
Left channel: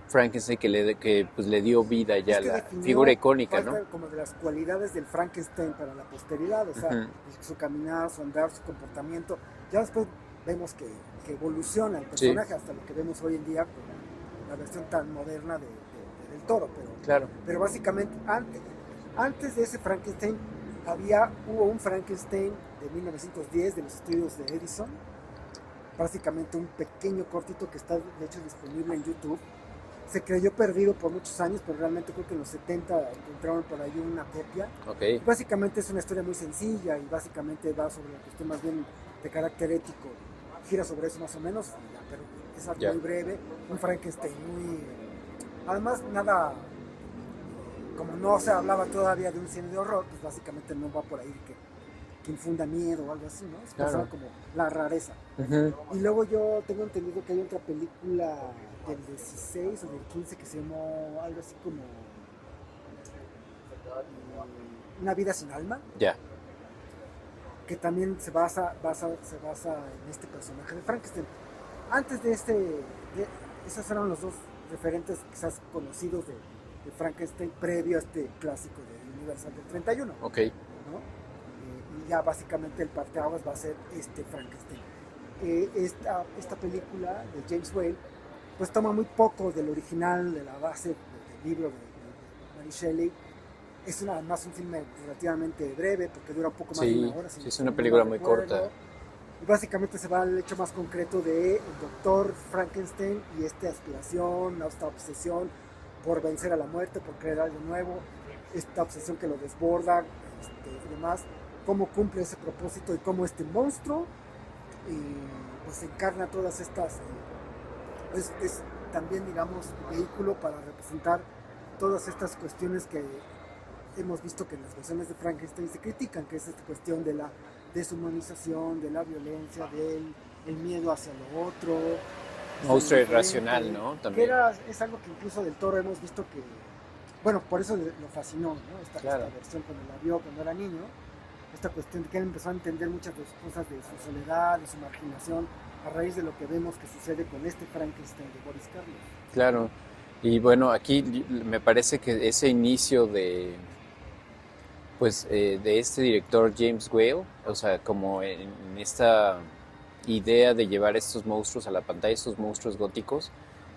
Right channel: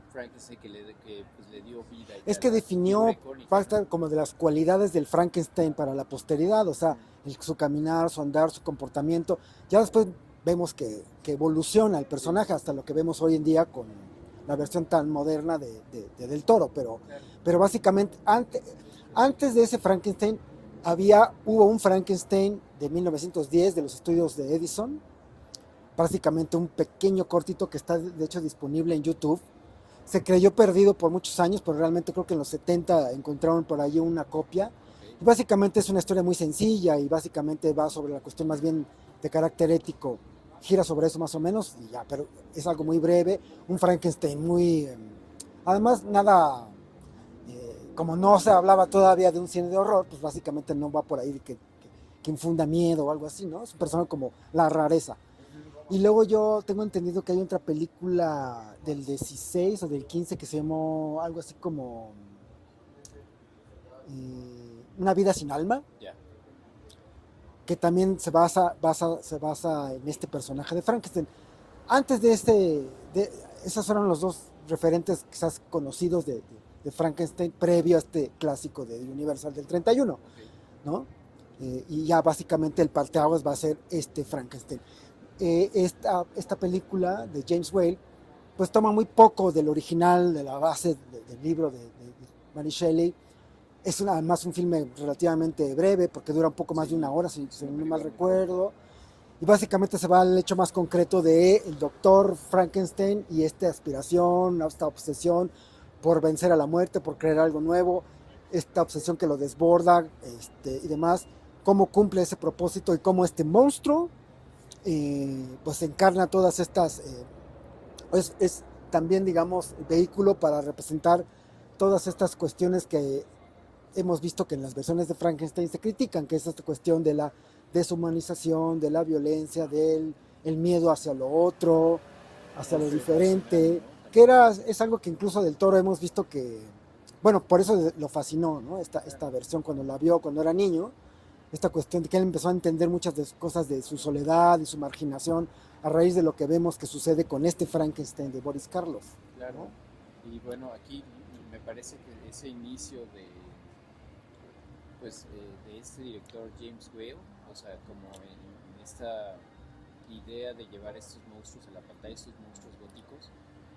Frankenstein que pues le dio vida es ya a que la figura definió icónica, ¿no? parte como de las cualidades del Frankenstein para la posteridad, o sea, Ujú, su caminar, su andar, su comportamiento. Ya después vemos que evoluciona el sí, personaje hasta lo que vemos hoy en día con la versión tan moderna Del Toro, claro, pero básicamente antes de ese Frankenstein hubo un Frankenstein de 1910 de los estudios de Edison, básicamente un pequeño cortito que está de hecho disponible en YouTube. Se creyó perdido por muchos años, pero realmente creo que en los 70 encontraron por ahí una copia. ok, Y básicamente es una historia muy sencilla y básicamente va sobre la cuestión más bien de carácter ético. Gira sobre eso más o menos, y ya, pero es algo ya. muy breve. Un Frankenstein muy... además, nada... como no se hablaba todavía de un cine de horror, pues básicamente no va por ahí de que infunda miedo o algo así, ¿no? Es un Claro. personaje como la rareza. Ujú, Y luego yo tengo entendido que hay otra película del 16 o del 15 que se llamó algo así como Una vida sin alma, ya, que también se basa en este personaje de Frankenstein. Antes esos fueron los dos referentes quizás conocidos de Frankenstein previo a este clásico de Universal del 31, ok, ¿no? Y ya básicamente el parteaguas va a ser este Frankenstein. Esta película de James Whale pues toma muy poco del original, de la base del libro de Mary Shelley. Es además un filme relativamente breve porque dura un poco más de una sí, hora, sí, es si una no mal película muy corta. recuerdo. Y básicamente se va al hecho más concreto de el doctor Frankenstein y esta aspiración, esta obsesión por vencer a la muerte, por crear algo nuevo, esta obsesión que lo desborda y demás, cómo cumple ese propósito y cómo este monstruo pues encarna todas estas, es también digamos vehículo para representar todas estas cuestiones que hemos visto que en las versiones de Frankenstein se critican, que es esta cuestión de la deshumanización, de la violencia, del el miedo hacia lo otro, hacia lo Monstruo irracional, diferente, ¿no? que También, es algo que incluso del Toro hemos visto que, bueno, por eso lo fascinó, ¿no? Esta claro. versión cuando la vio cuando era niño, esta cuestión de que él empezó a entender muchas de cosas de su soledad y su marginación a raíz de lo que vemos que sucede con este Frankenstein de Boris Karloff. Claro. Y bueno, aquí me parece que ese inicio de este director James Whale, o sea, como en esta idea de llevar estos monstruos a la pantalla, estos monstruos góticos,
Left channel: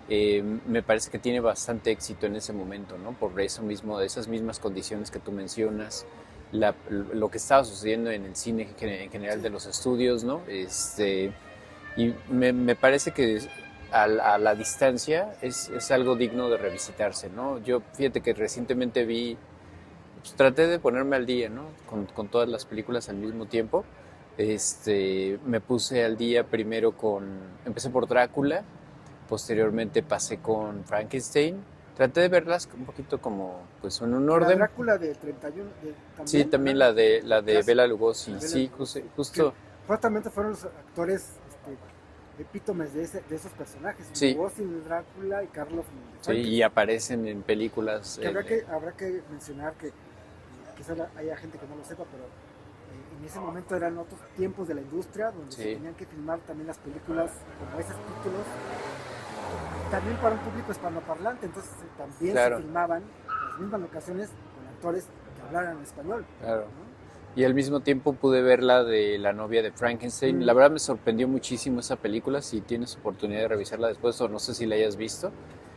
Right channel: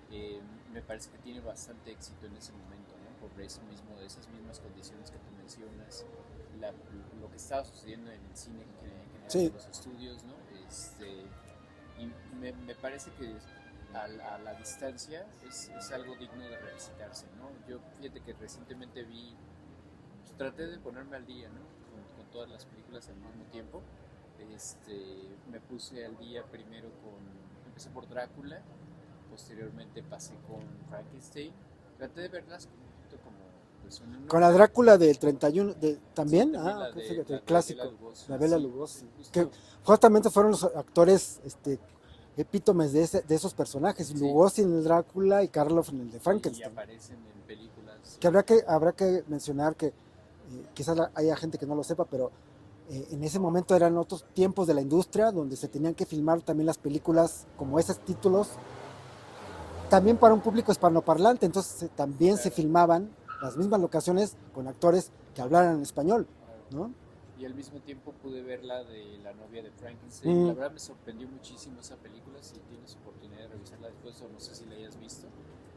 me parece que tiene bastante éxito en ese momento, ¿no? Por eso mismo, esas mismas condiciones que tú mencionas, lo que estaba sucediendo en el cine en general Sí. de los estudios, ¿no? Y me parece que a la distancia es algo digno de revisitarse, ¿no? Yo, fíjate que recientemente pues, traté de ponerme al día, ¿no? Con todas las películas al mismo tiempo. Me puse al día primero empecé por Drácula, posteriormente pasé con Frankenstein. Traté de verlas un poquito como, pues, en un Con la orden. Drácula del 31, Sí, ¿también? también la de Bela Clásico, Lugosi, la Bela sí, Lugosi. Que justo, justamente fueron los actores epítomes de esos personajes. sí, Lugosi en el Drácula y Karloff en el de sí, y Frankenstein. aparecen en películas. Que habrá que mencionar que quizás haya gente que no lo sepa, pero en ese momento eran otros tiempos de la industria donde se Sí, tenían que filmar también las películas como esos títulos, también para un público hispanoparlante, entonces también se claro, filmaban las mismas locaciones con actores que hablaran español, claro. ¿no? Y al mismo tiempo pude ver la de La novia de Frankenstein. La Mm, verdad me sorprendió muchísimo esa película. Si tienes oportunidad de revisarla después, o no sé si la hayas visto.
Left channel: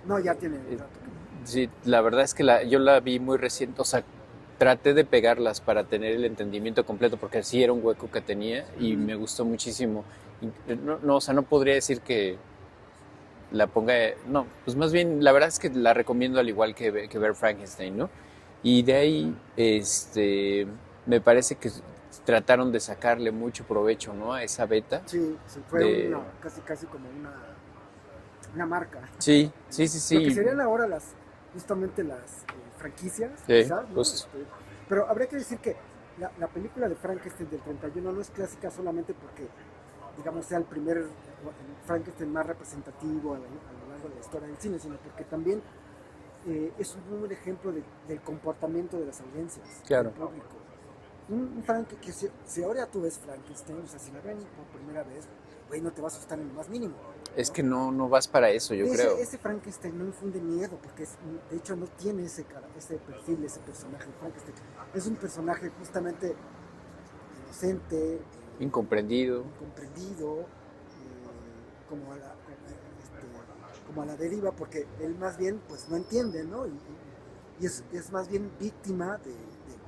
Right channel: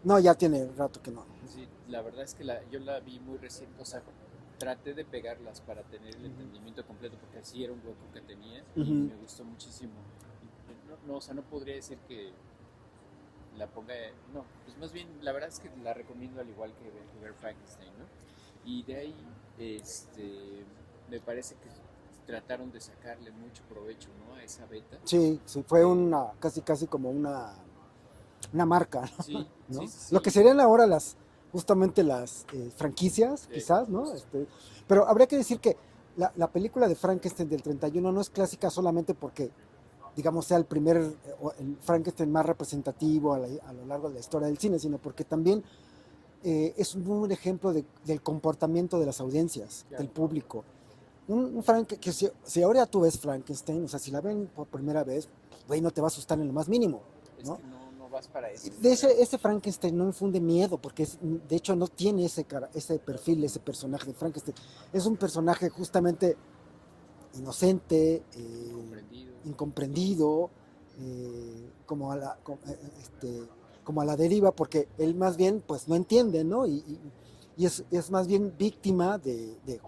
no, ya tiene un Eh, rato que no. Sí, la verdad es que yo la vi muy reciente. O sea, traté de pegarlas para tener el entendimiento completo, porque sí era un hueco que tenía y Ujú. me gustó muchísimo. No, no, o sea, no podría decir que la ponga. No, pues más bien, la verdad es que la recomiendo al igual que ver Frankenstein, ¿no? Y de ahí, me parece que trataron de sacarle mucho provecho, ¿no? A esa beta Sí, sí, fue de... una, casi como una marca, Sí, sí, ¿no? sí, Lo que sí, serían ahora justamente las franquicias, sí, quizás, ¿no? justo, Pero habría que decir que la película de Frankenstein del 31 no es clásica solamente porque, digamos, sea el primer el Frankenstein más representativo a lo largo de la historia del cine, sino porque también es un buen ejemplo del comportamiento de las audiencias, del claro. público. Que si ahora tú ves Frankenstein, o sea, si la ven por primera vez, güey, no te va a asustar en lo más mínimo, Es ¿no? que no, no vas para eso, yo De creo. ese Frankenstein no infunde miedo, porque de hecho no tiene ese perfil, ese personaje de Frankenstein. Es un personaje justamente inocente, Incomprendido, incomprendido, como a la deriva, porque él más bien pues no entiende, ¿no? Y es más bien víctima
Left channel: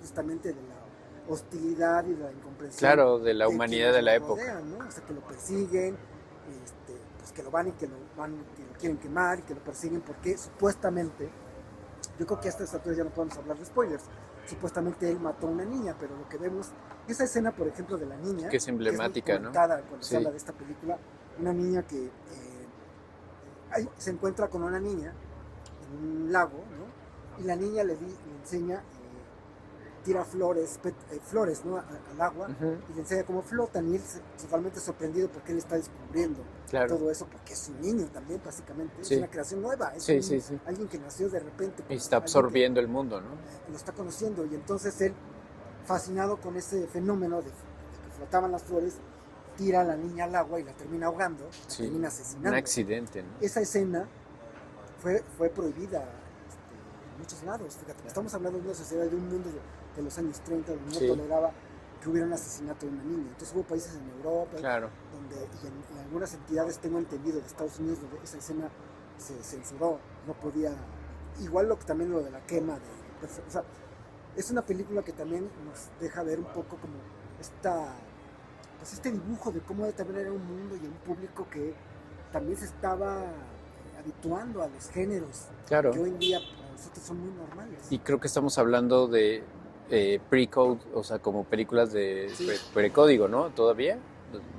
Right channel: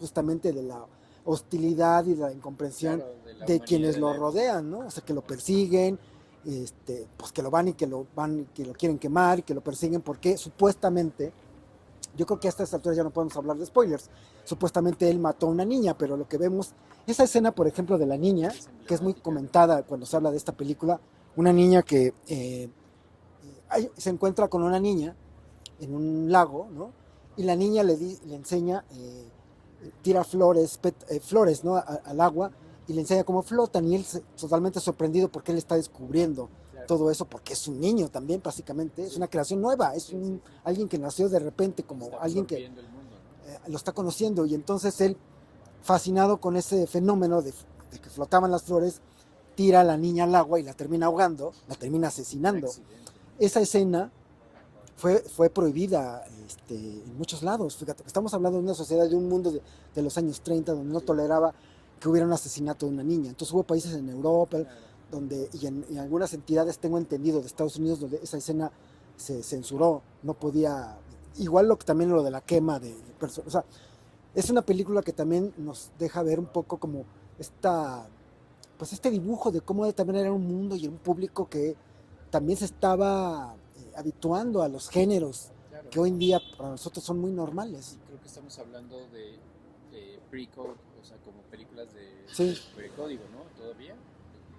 justamente de la hostilidad y de la incomprensión claro, de la de humanidad quienes de lo la época. rodean, ¿no? O sea, que lo persiguen, pues que lo van y que lo quieren quemar y que lo persiguen porque supuestamente, yo creo que a estas alturas ya no podemos hablar de spoilers, supuestamente él mató a una niña, pero lo que vemos, esa escena, por ejemplo, de la niña, Que es que es muy emblemática, ¿no? comentada cuando se Sí, habla de esta película, una niña que se encuentra con una niña en un lago, ¿no? Y la niña le enseña, tira flores, ¿no? Al agua ujú, y le enseña cómo flotan y él totalmente sorprendido porque él está descubriendo claro, todo eso porque es un niño también básicamente, es sí, una creación nueva, sí, sí, sí. alguien que nació de repente Y como está alguien que absorbiendo el mundo, ¿no? lo está conociendo y entonces él, fascinado con ese fenómeno de que flotaban las flores, tira a la niña al agua y la termina ahogando, la Sí, termina un asesinando. accidente, ¿no? Esa escena fue prohibida en muchos lados. Fíjate, estamos hablando de una sociedad, de un mundo de los años 30 donde no Sí, toleraba que hubiera un asesinato de una niña. Entonces hubo países en Europa claro. y en algunas entidades, tengo entendido, de Estados Unidos, donde esa escena se censuró. No podía, igual también lo de la quema de personas. O sea, es una película que también nos deja ver un poco como pues este dibujo de cómo también era un mundo y un público que también se estaba habituando a los géneros que Claro. hoy en día para nosotros son muy normales. Y creo que estamos hablando de pre-code, o sea, como películas de Sí, precódigo, ¿no? ¿Todavía?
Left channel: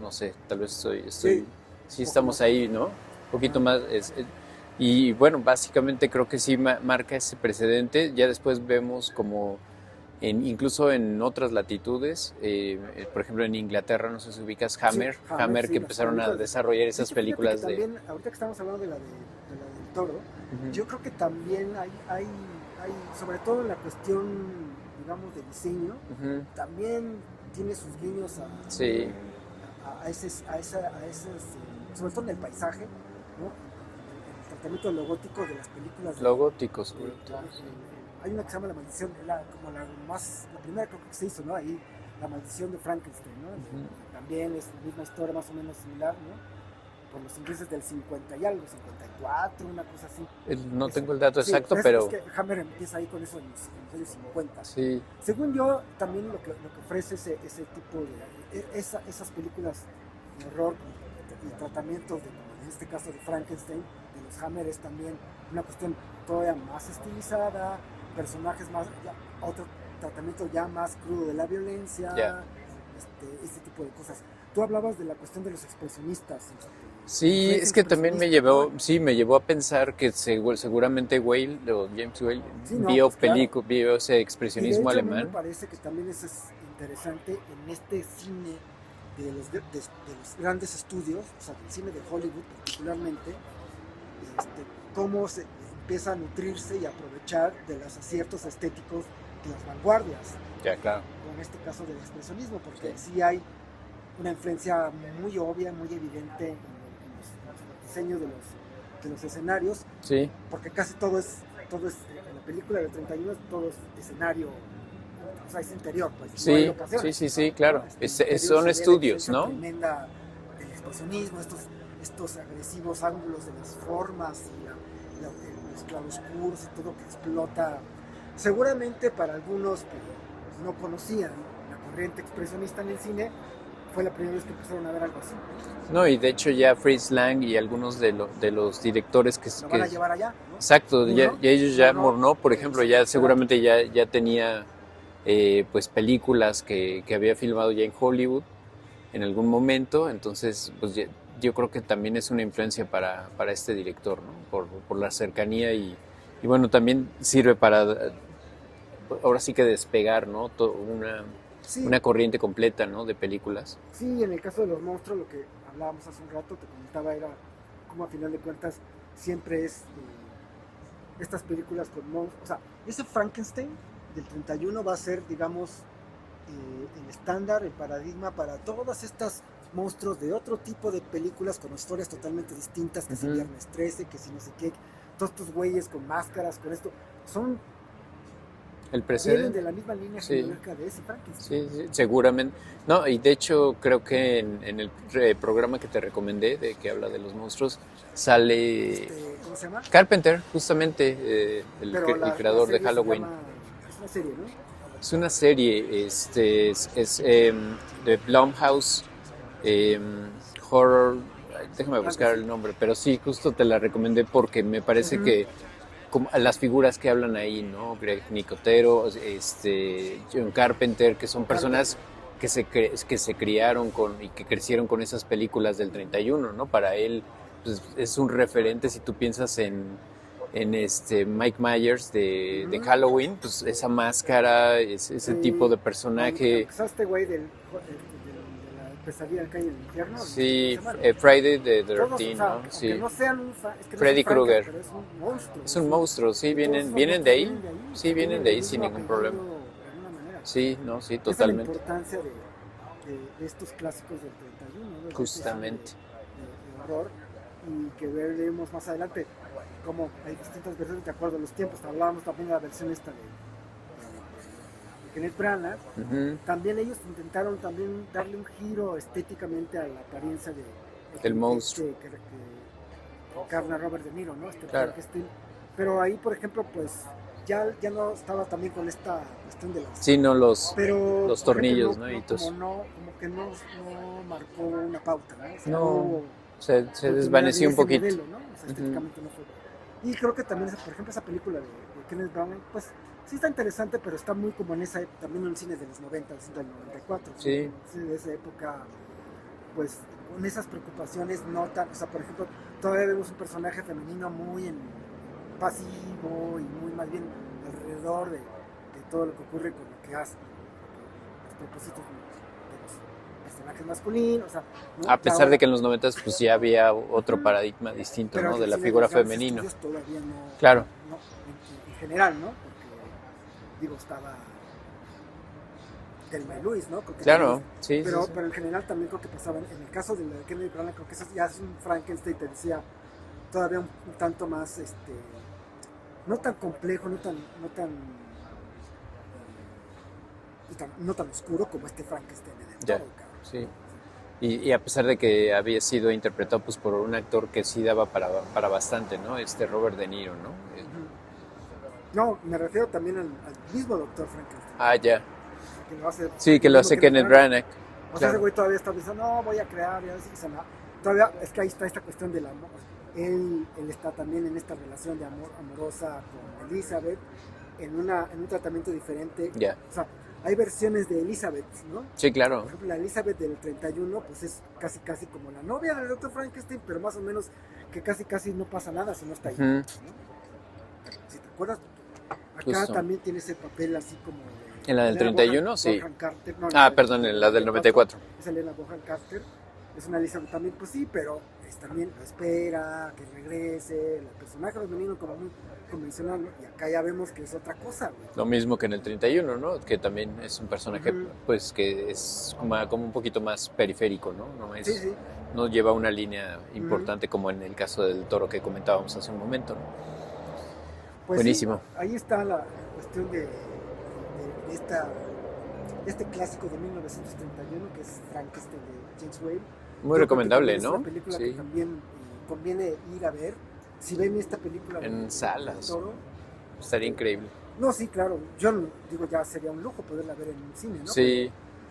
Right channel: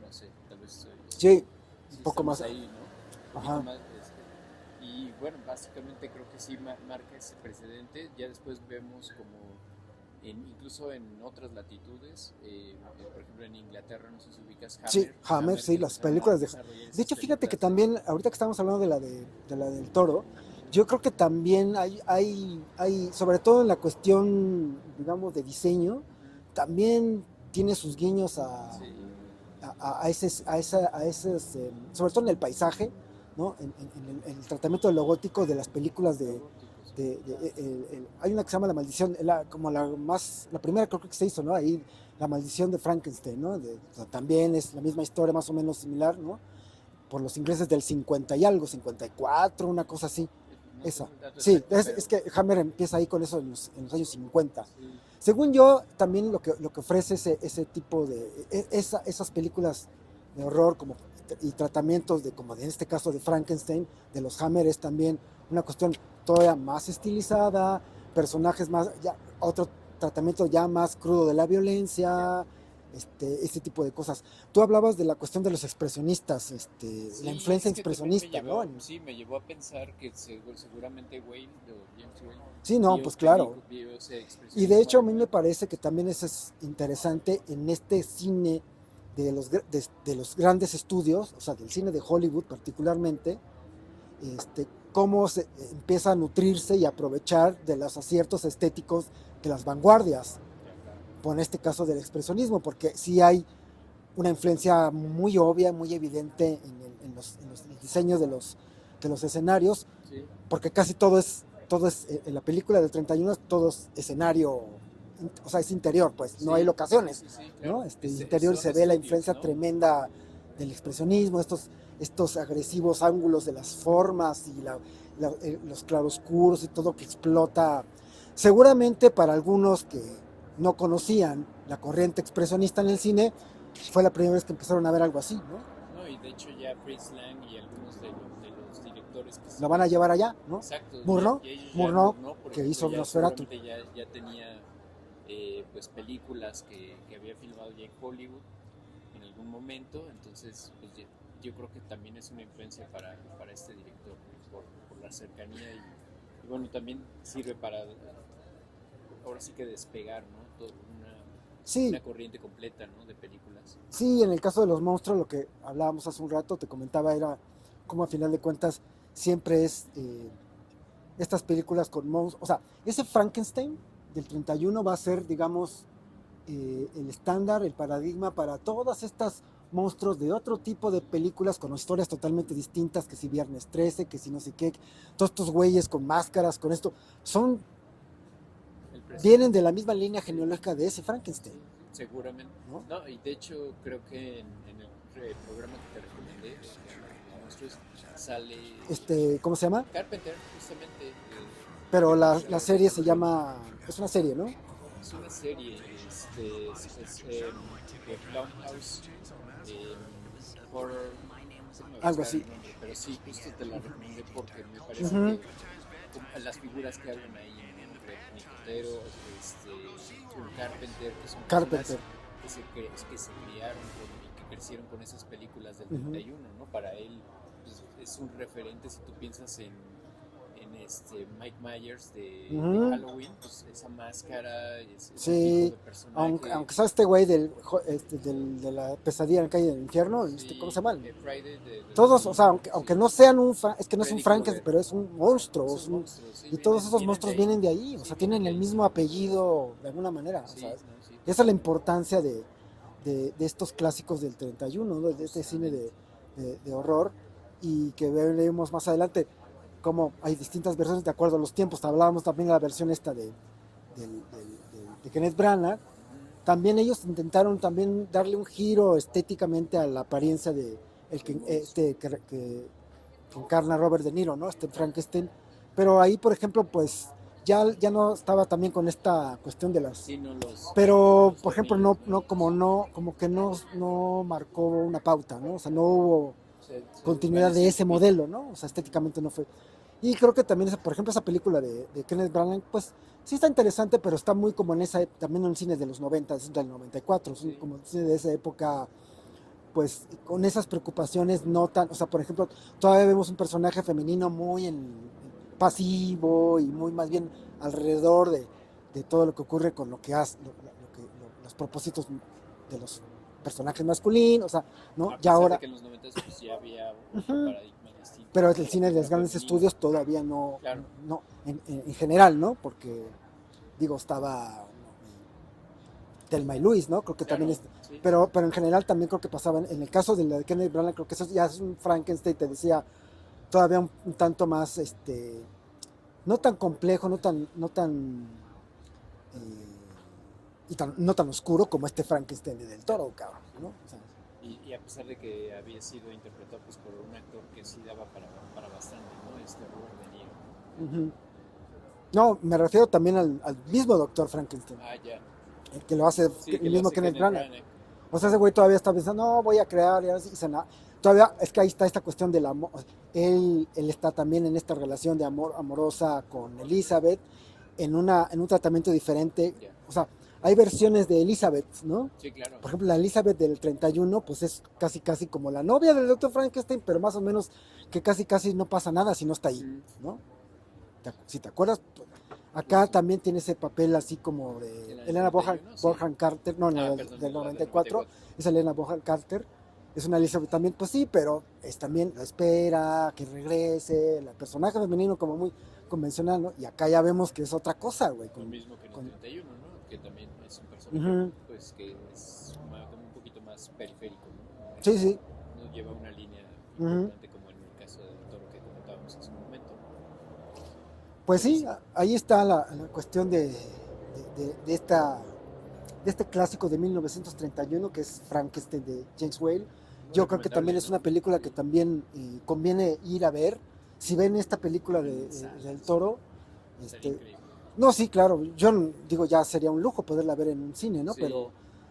No sé, tal vez sí, un sí poco estamos más. ahí, ¿no? Un poquito Ajá. más. Y bueno, básicamente creo que sí marca ese precedente. Ya después vemos como, incluso en otras latitudes, por ejemplo en Inglaterra, no sé si ubicas Sí, Hammer, Hammer sí, que las empezaron a películas de... desarrollar De esas hecho, fíjate que películas de... también, ahorita que estamos hablando de la del toro, Ujú, yo creo que también sobre todo en la cuestión, digamos, de diseño, ujú, también tiene sus guiños Sí, sobre todo en el paisaje, ¿no? En el tratamiento logótico de las películas lo gótico sobre todo. hay una que se llama La Maldición, como la primera creo que se hizo, ¿no? Ahí, La Maldición de Frankenstein, ¿no? O sea, también es la misma historia, más o menos similar, ¿no? Por los ingleses del 50 y algo, 54, una cosa así. No Esa. tengo el dato Sí, exacto, es pero que Hammer empieza ahí con eso en los años 50. sí, Según yo, también lo que ofrece ese tipo esas películas de horror y tratamientos como en este caso de Frankenstein, de los Hammer, es también una cuestión todavía más estilizada, personajes más, ya, otro tratamiento ya más crudo de la violencia, este tipo de cosas. Tú hablabas de la cuestión de los expresionistas, la sí, influencia es que también expresionista, ¿no? me llevó a pensar que seguramente Whale, o James Whale, Sí, no, pues claro. vio ese Y de expresionismo hecho a mí me alemán. parece que también eso es interesante en este cine de los grandes estudios, o sea, del cine de Hollywood particularmente, cómo se empieza a nutrirse y aprovechar de los aciertos estéticos de las vanguardias, Ya, claro. con este caso del expresionismo, porque sí hay una influencia muy obvia, muy evidente en los diseños de los escenarios, Sí, porque casi todo es en la película del 31 todo es escenario, o sea, es interior, pues, no hay sí, locaciones, sí, ¿no? claro. Interior Son se ve la estudios, influencia ¿no? tremenda del expresionismo, estos agresivos ángulos de las formas y los claroscuros y todo que explota. Seguramente para algunos que no conocían la corriente expresionista en el cine, fue la primera vez que empezaron a ver algo así, ¿no? No, y de hecho ya Fritz Lang y algunos de los directores Lo van a llevar allá, ¿no? exacto, Murnau, ya ellos ya, Murnau, por que ejemplo, hizo ya Nosferatu. seguramente ya tenía pues películas que había filmado ya en Hollywood en algún momento, entonces pues yo creo que también es una influencia para este director, ¿no? Por la cercanía y bueno, también sirve para ahora sí que despegar, ¿no? Sí, Una corriente completa, ¿no? De películas. sí, en el caso de los monstruos, lo que hablábamos hace un rato, te comentaba, era como a final de cuentas siempre es estas películas con monstruos. O sea, ese Frankenstein del 31 va a ser, digamos, el estándar, el paradigma para todas estas monstruos de otro tipo de películas con historias totalmente distintas, que si Viernes 13, que si no sé qué, todos estos güeyes con máscaras, con esto, El vienen precedente. de la misma línea Sí. genealógica de ese Frankenstein. Sí, seguramente. ¿No? No, y de hecho creo que en el programa que te recomendé, de que habla de los monstruos, sale ¿Cómo se llama? Carpenter, justamente, Pero el la creador de serie se Halloween. llama, es una serie, ¿no? Es una serie, es de Blumhouse em, Horror. Déjame Algo buscar así. el nombre, pero sí, justo te la recomendé porque me parece Ujú. que como las figuras que hablan ahí, ¿no? Greg Nicotero, John Carpenter, que son personas Carpenter. que se criaron y que crecieron con esas películas del Ujú. 31, ¿no? Para él pues, es un referente si tú piensas en Mike Myers de Ujú. Halloween, pues esa máscara, ese tipo Sí, de personaje. aunque sea este güey de la pesadilla en la calle del infierno, ¿cómo se Sí, llama? Friday the Todos, o 13, sea, ¿no? aunque Sí, no sean es que no es un Freddy Frankenstein, Krueger. pero es un monstruo. Es un monstruo, sí, Y todos esos vienen de monstruos ahí. vienen de ahí, o Sí, sea, vienen tienen de el ahí sin mismo ningún problema. apellido de alguna manera. O sea, Sí, no, sí, esa es la totalmente. importancia de estos clásicos del 31, ¿no? De este cine Justamente. de horror, y que veremos más adelante cómo hay distintas versiones de acuerdo a los tiempos. Hablábamos también de la versión esta de Kenneth Branagh. Ujú. También ellos intentaron también darle un giro estéticamente a la apariencia de El monstruo. que encarna Robert De Niro, ¿no? Claro. Frankenstein. Pero ahí, por ejemplo, pues ya no estaba también con esta cuestión de las. Sí, no Pero, los por ejemplo, tornillos, ¿no? Y como que no marcó una pauta, ¿no? O sea, no no, hubo se continuidad de desvaneció un ese poquito. modelo, ¿no? O sea, Ujú. estéticamente no fue. Y creo que también, por ejemplo, esa película de Kenneth Branagh, pues sí está interesante, pero está muy como en también en el cine de los 90, del 94, ¿sí? Sí, Como el cine de esa época, pues con esas preocupaciones no tan, o sea, por ejemplo, todavía vemos un personaje femenino muy pasivo y muy más bien alrededor de todo lo que ocurre con lo que hace, los propósitos de los personajes masculinos, o sea, ¿no? a Ya pesar de ahora. que en los 90 pues ya había otro Ujú. paradigma distinto, Pero ¿no? en De el la cine de figura los grandes femenina. estudios todavía no, Claro. no en general, ¿no? Porque, digo, estaba Thelma y Luis, ¿no? Creo que Claro, también sí, pero, sí. pero en general también creo que pasaba, en el caso de la de Kenneth Branagh, creo que eso ya es un Frankenstein, te decía, todavía un tanto más, no tan complejo, no tan oscuro como este Frankenstein de Del Ya, Toro, cabrón, sí. ¿no? Y a pesar de que había sido interpretado pues, por un actor que sí daba para bastante, ¿no? Robert De Niro, ¿no? Ujú. No, me refiero también al mismo Doctor Frankenstein, Ah, ya. el que lo hace Sí, que el lo mismo hace Kenneth Kenneth Branagh. Branagh. O sea, ese Claro. güey todavía está pensando, no, voy a crear, todavía, es que ahí está esta cuestión del amor. Él está también en esta relación de amor amorosa con Elizabeth, en un tratamiento diferente. Ya. O sea, hay versiones de Elizabeth, ¿no? Sí, claro. Por ejemplo, la Elizabeth del 31, pues es casi como la novia del Dr. Frankenstein, pero más o menos que casi no pasa nada si no está ahí, Ujú. ¿no? Si te acuerdas, acá Justo. también tiene ese papel así como de ¿En la del Helena 31? Sí. Bonham Carter, no, Ah, perdón, en la del 94. es Helena Bonham Carter, es una Elizabeth también, pues sí, pero es también lo espera, que regrese, el personaje femenino como muy convencional, ¿no? Y acá ya vemos que es otra cosa, güey. Lo mismo que en el 31, ¿no? Que también es un personaje, Ujú. pues, que es como un poquito más periférico, ¿no? Sí, sí. No lleva una línea importante como en el caso del Toro que comentábamos hace un momento, ¿no? Pues Buenísimo. sí, ahí está la cuestión de este clásico de 1931 que es Frankenstein de James Whale. Muy Yo creo que recomendable, también es ¿no? una película que Sí. también conviene ir a ver. Si ven esta película En del salas. Toro, Estaría increíble. no, sí, claro, yo digo, ya sería un lujo poderla ver en un cine, ¿no? Sí.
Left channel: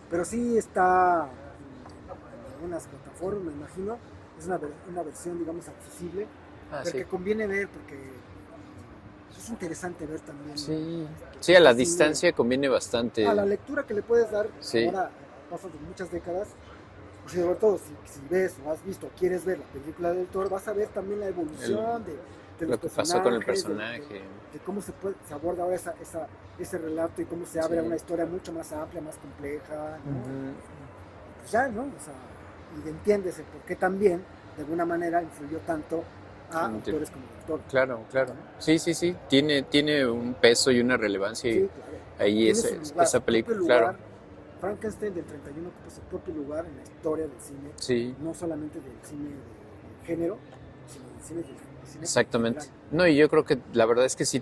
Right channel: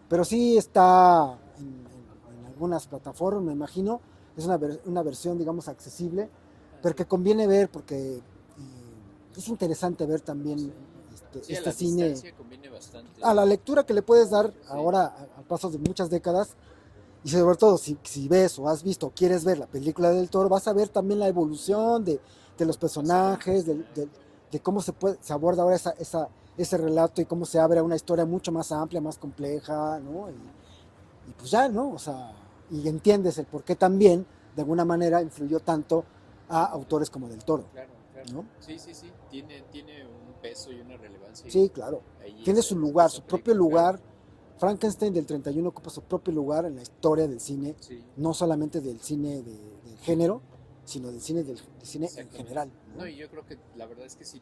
Pero sí está en algunas plataformas, me imagino. Es una versión, digamos, accesible, Ah, pero sí. que conviene ver porque es interesante ver también. Sí. Sí, a la cine. distancia conviene bastante. A la lectura que le puedes dar Sí. ahora, a pasos de muchas décadas, y sobre todo si ves o has visto o quieres ver la película del Toro, vas a ver también la evolución de los Lo que pasó con el personajes, personaje. de cómo se puede abordar ese relato y cómo se abre Sí. una historia mucho más amplia, más compleja, ¿no? Ujú. Y pues ya, ¿no? O sea, y entiendes el por qué también, de alguna manera, influyó tanto a autores como Del Toro. Claro, claro. ¿no? Sí, sí, sí. Tiene un peso y una relevancia. Sí, claro. Ahí Tiene es, su lugar, esa su propio película, lugar. claro. Frankenstein del 31 ocupa su propio lugar en la historia del cine, Sí, no solamente del cine de género, sino del cine cine exactamente. en general. No, y yo creo que la verdad es que sí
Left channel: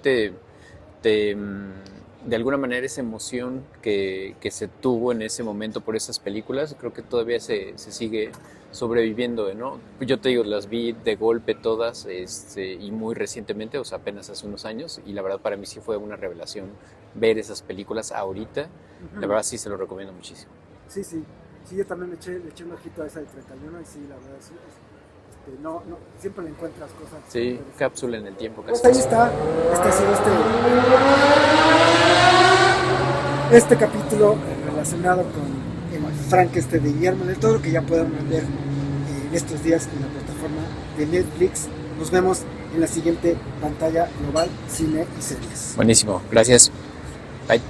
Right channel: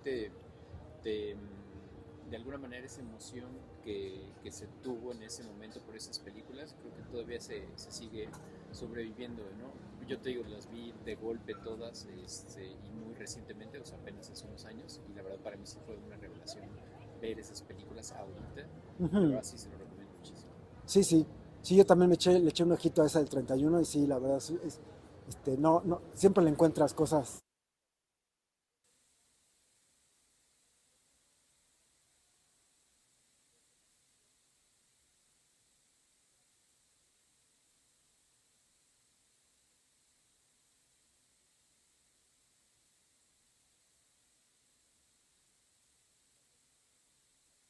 de alguna manera esa emoción que se tuvo en ese momento por esas películas, creo que todavía se sigue sobreviviendo, ¿no? Yo te digo, las vi de golpe todas, y muy recientemente, o sea, apenas hace unos años, y la verdad para mí sí fue una revelación ver esas películas ahorita. Ujú. La verdad sí se lo recomiendo muchísimo. Sí, sí. Sí, yo también le eché un ojito a esa del 31 y sí, la verdad, sí, no, siempre le encuentras cosas. Sí, cápsula en el tiempo. Pues Casi. ahí está. Este ha sido este capítulo relacionado con el Frankenstein de Guillermo del Toro, que ya podemos ver en estos días en la plataforma de Netflix. Nos vemos en la siguiente pantalla global, cine y series. Buenísimo, gracias. Bye.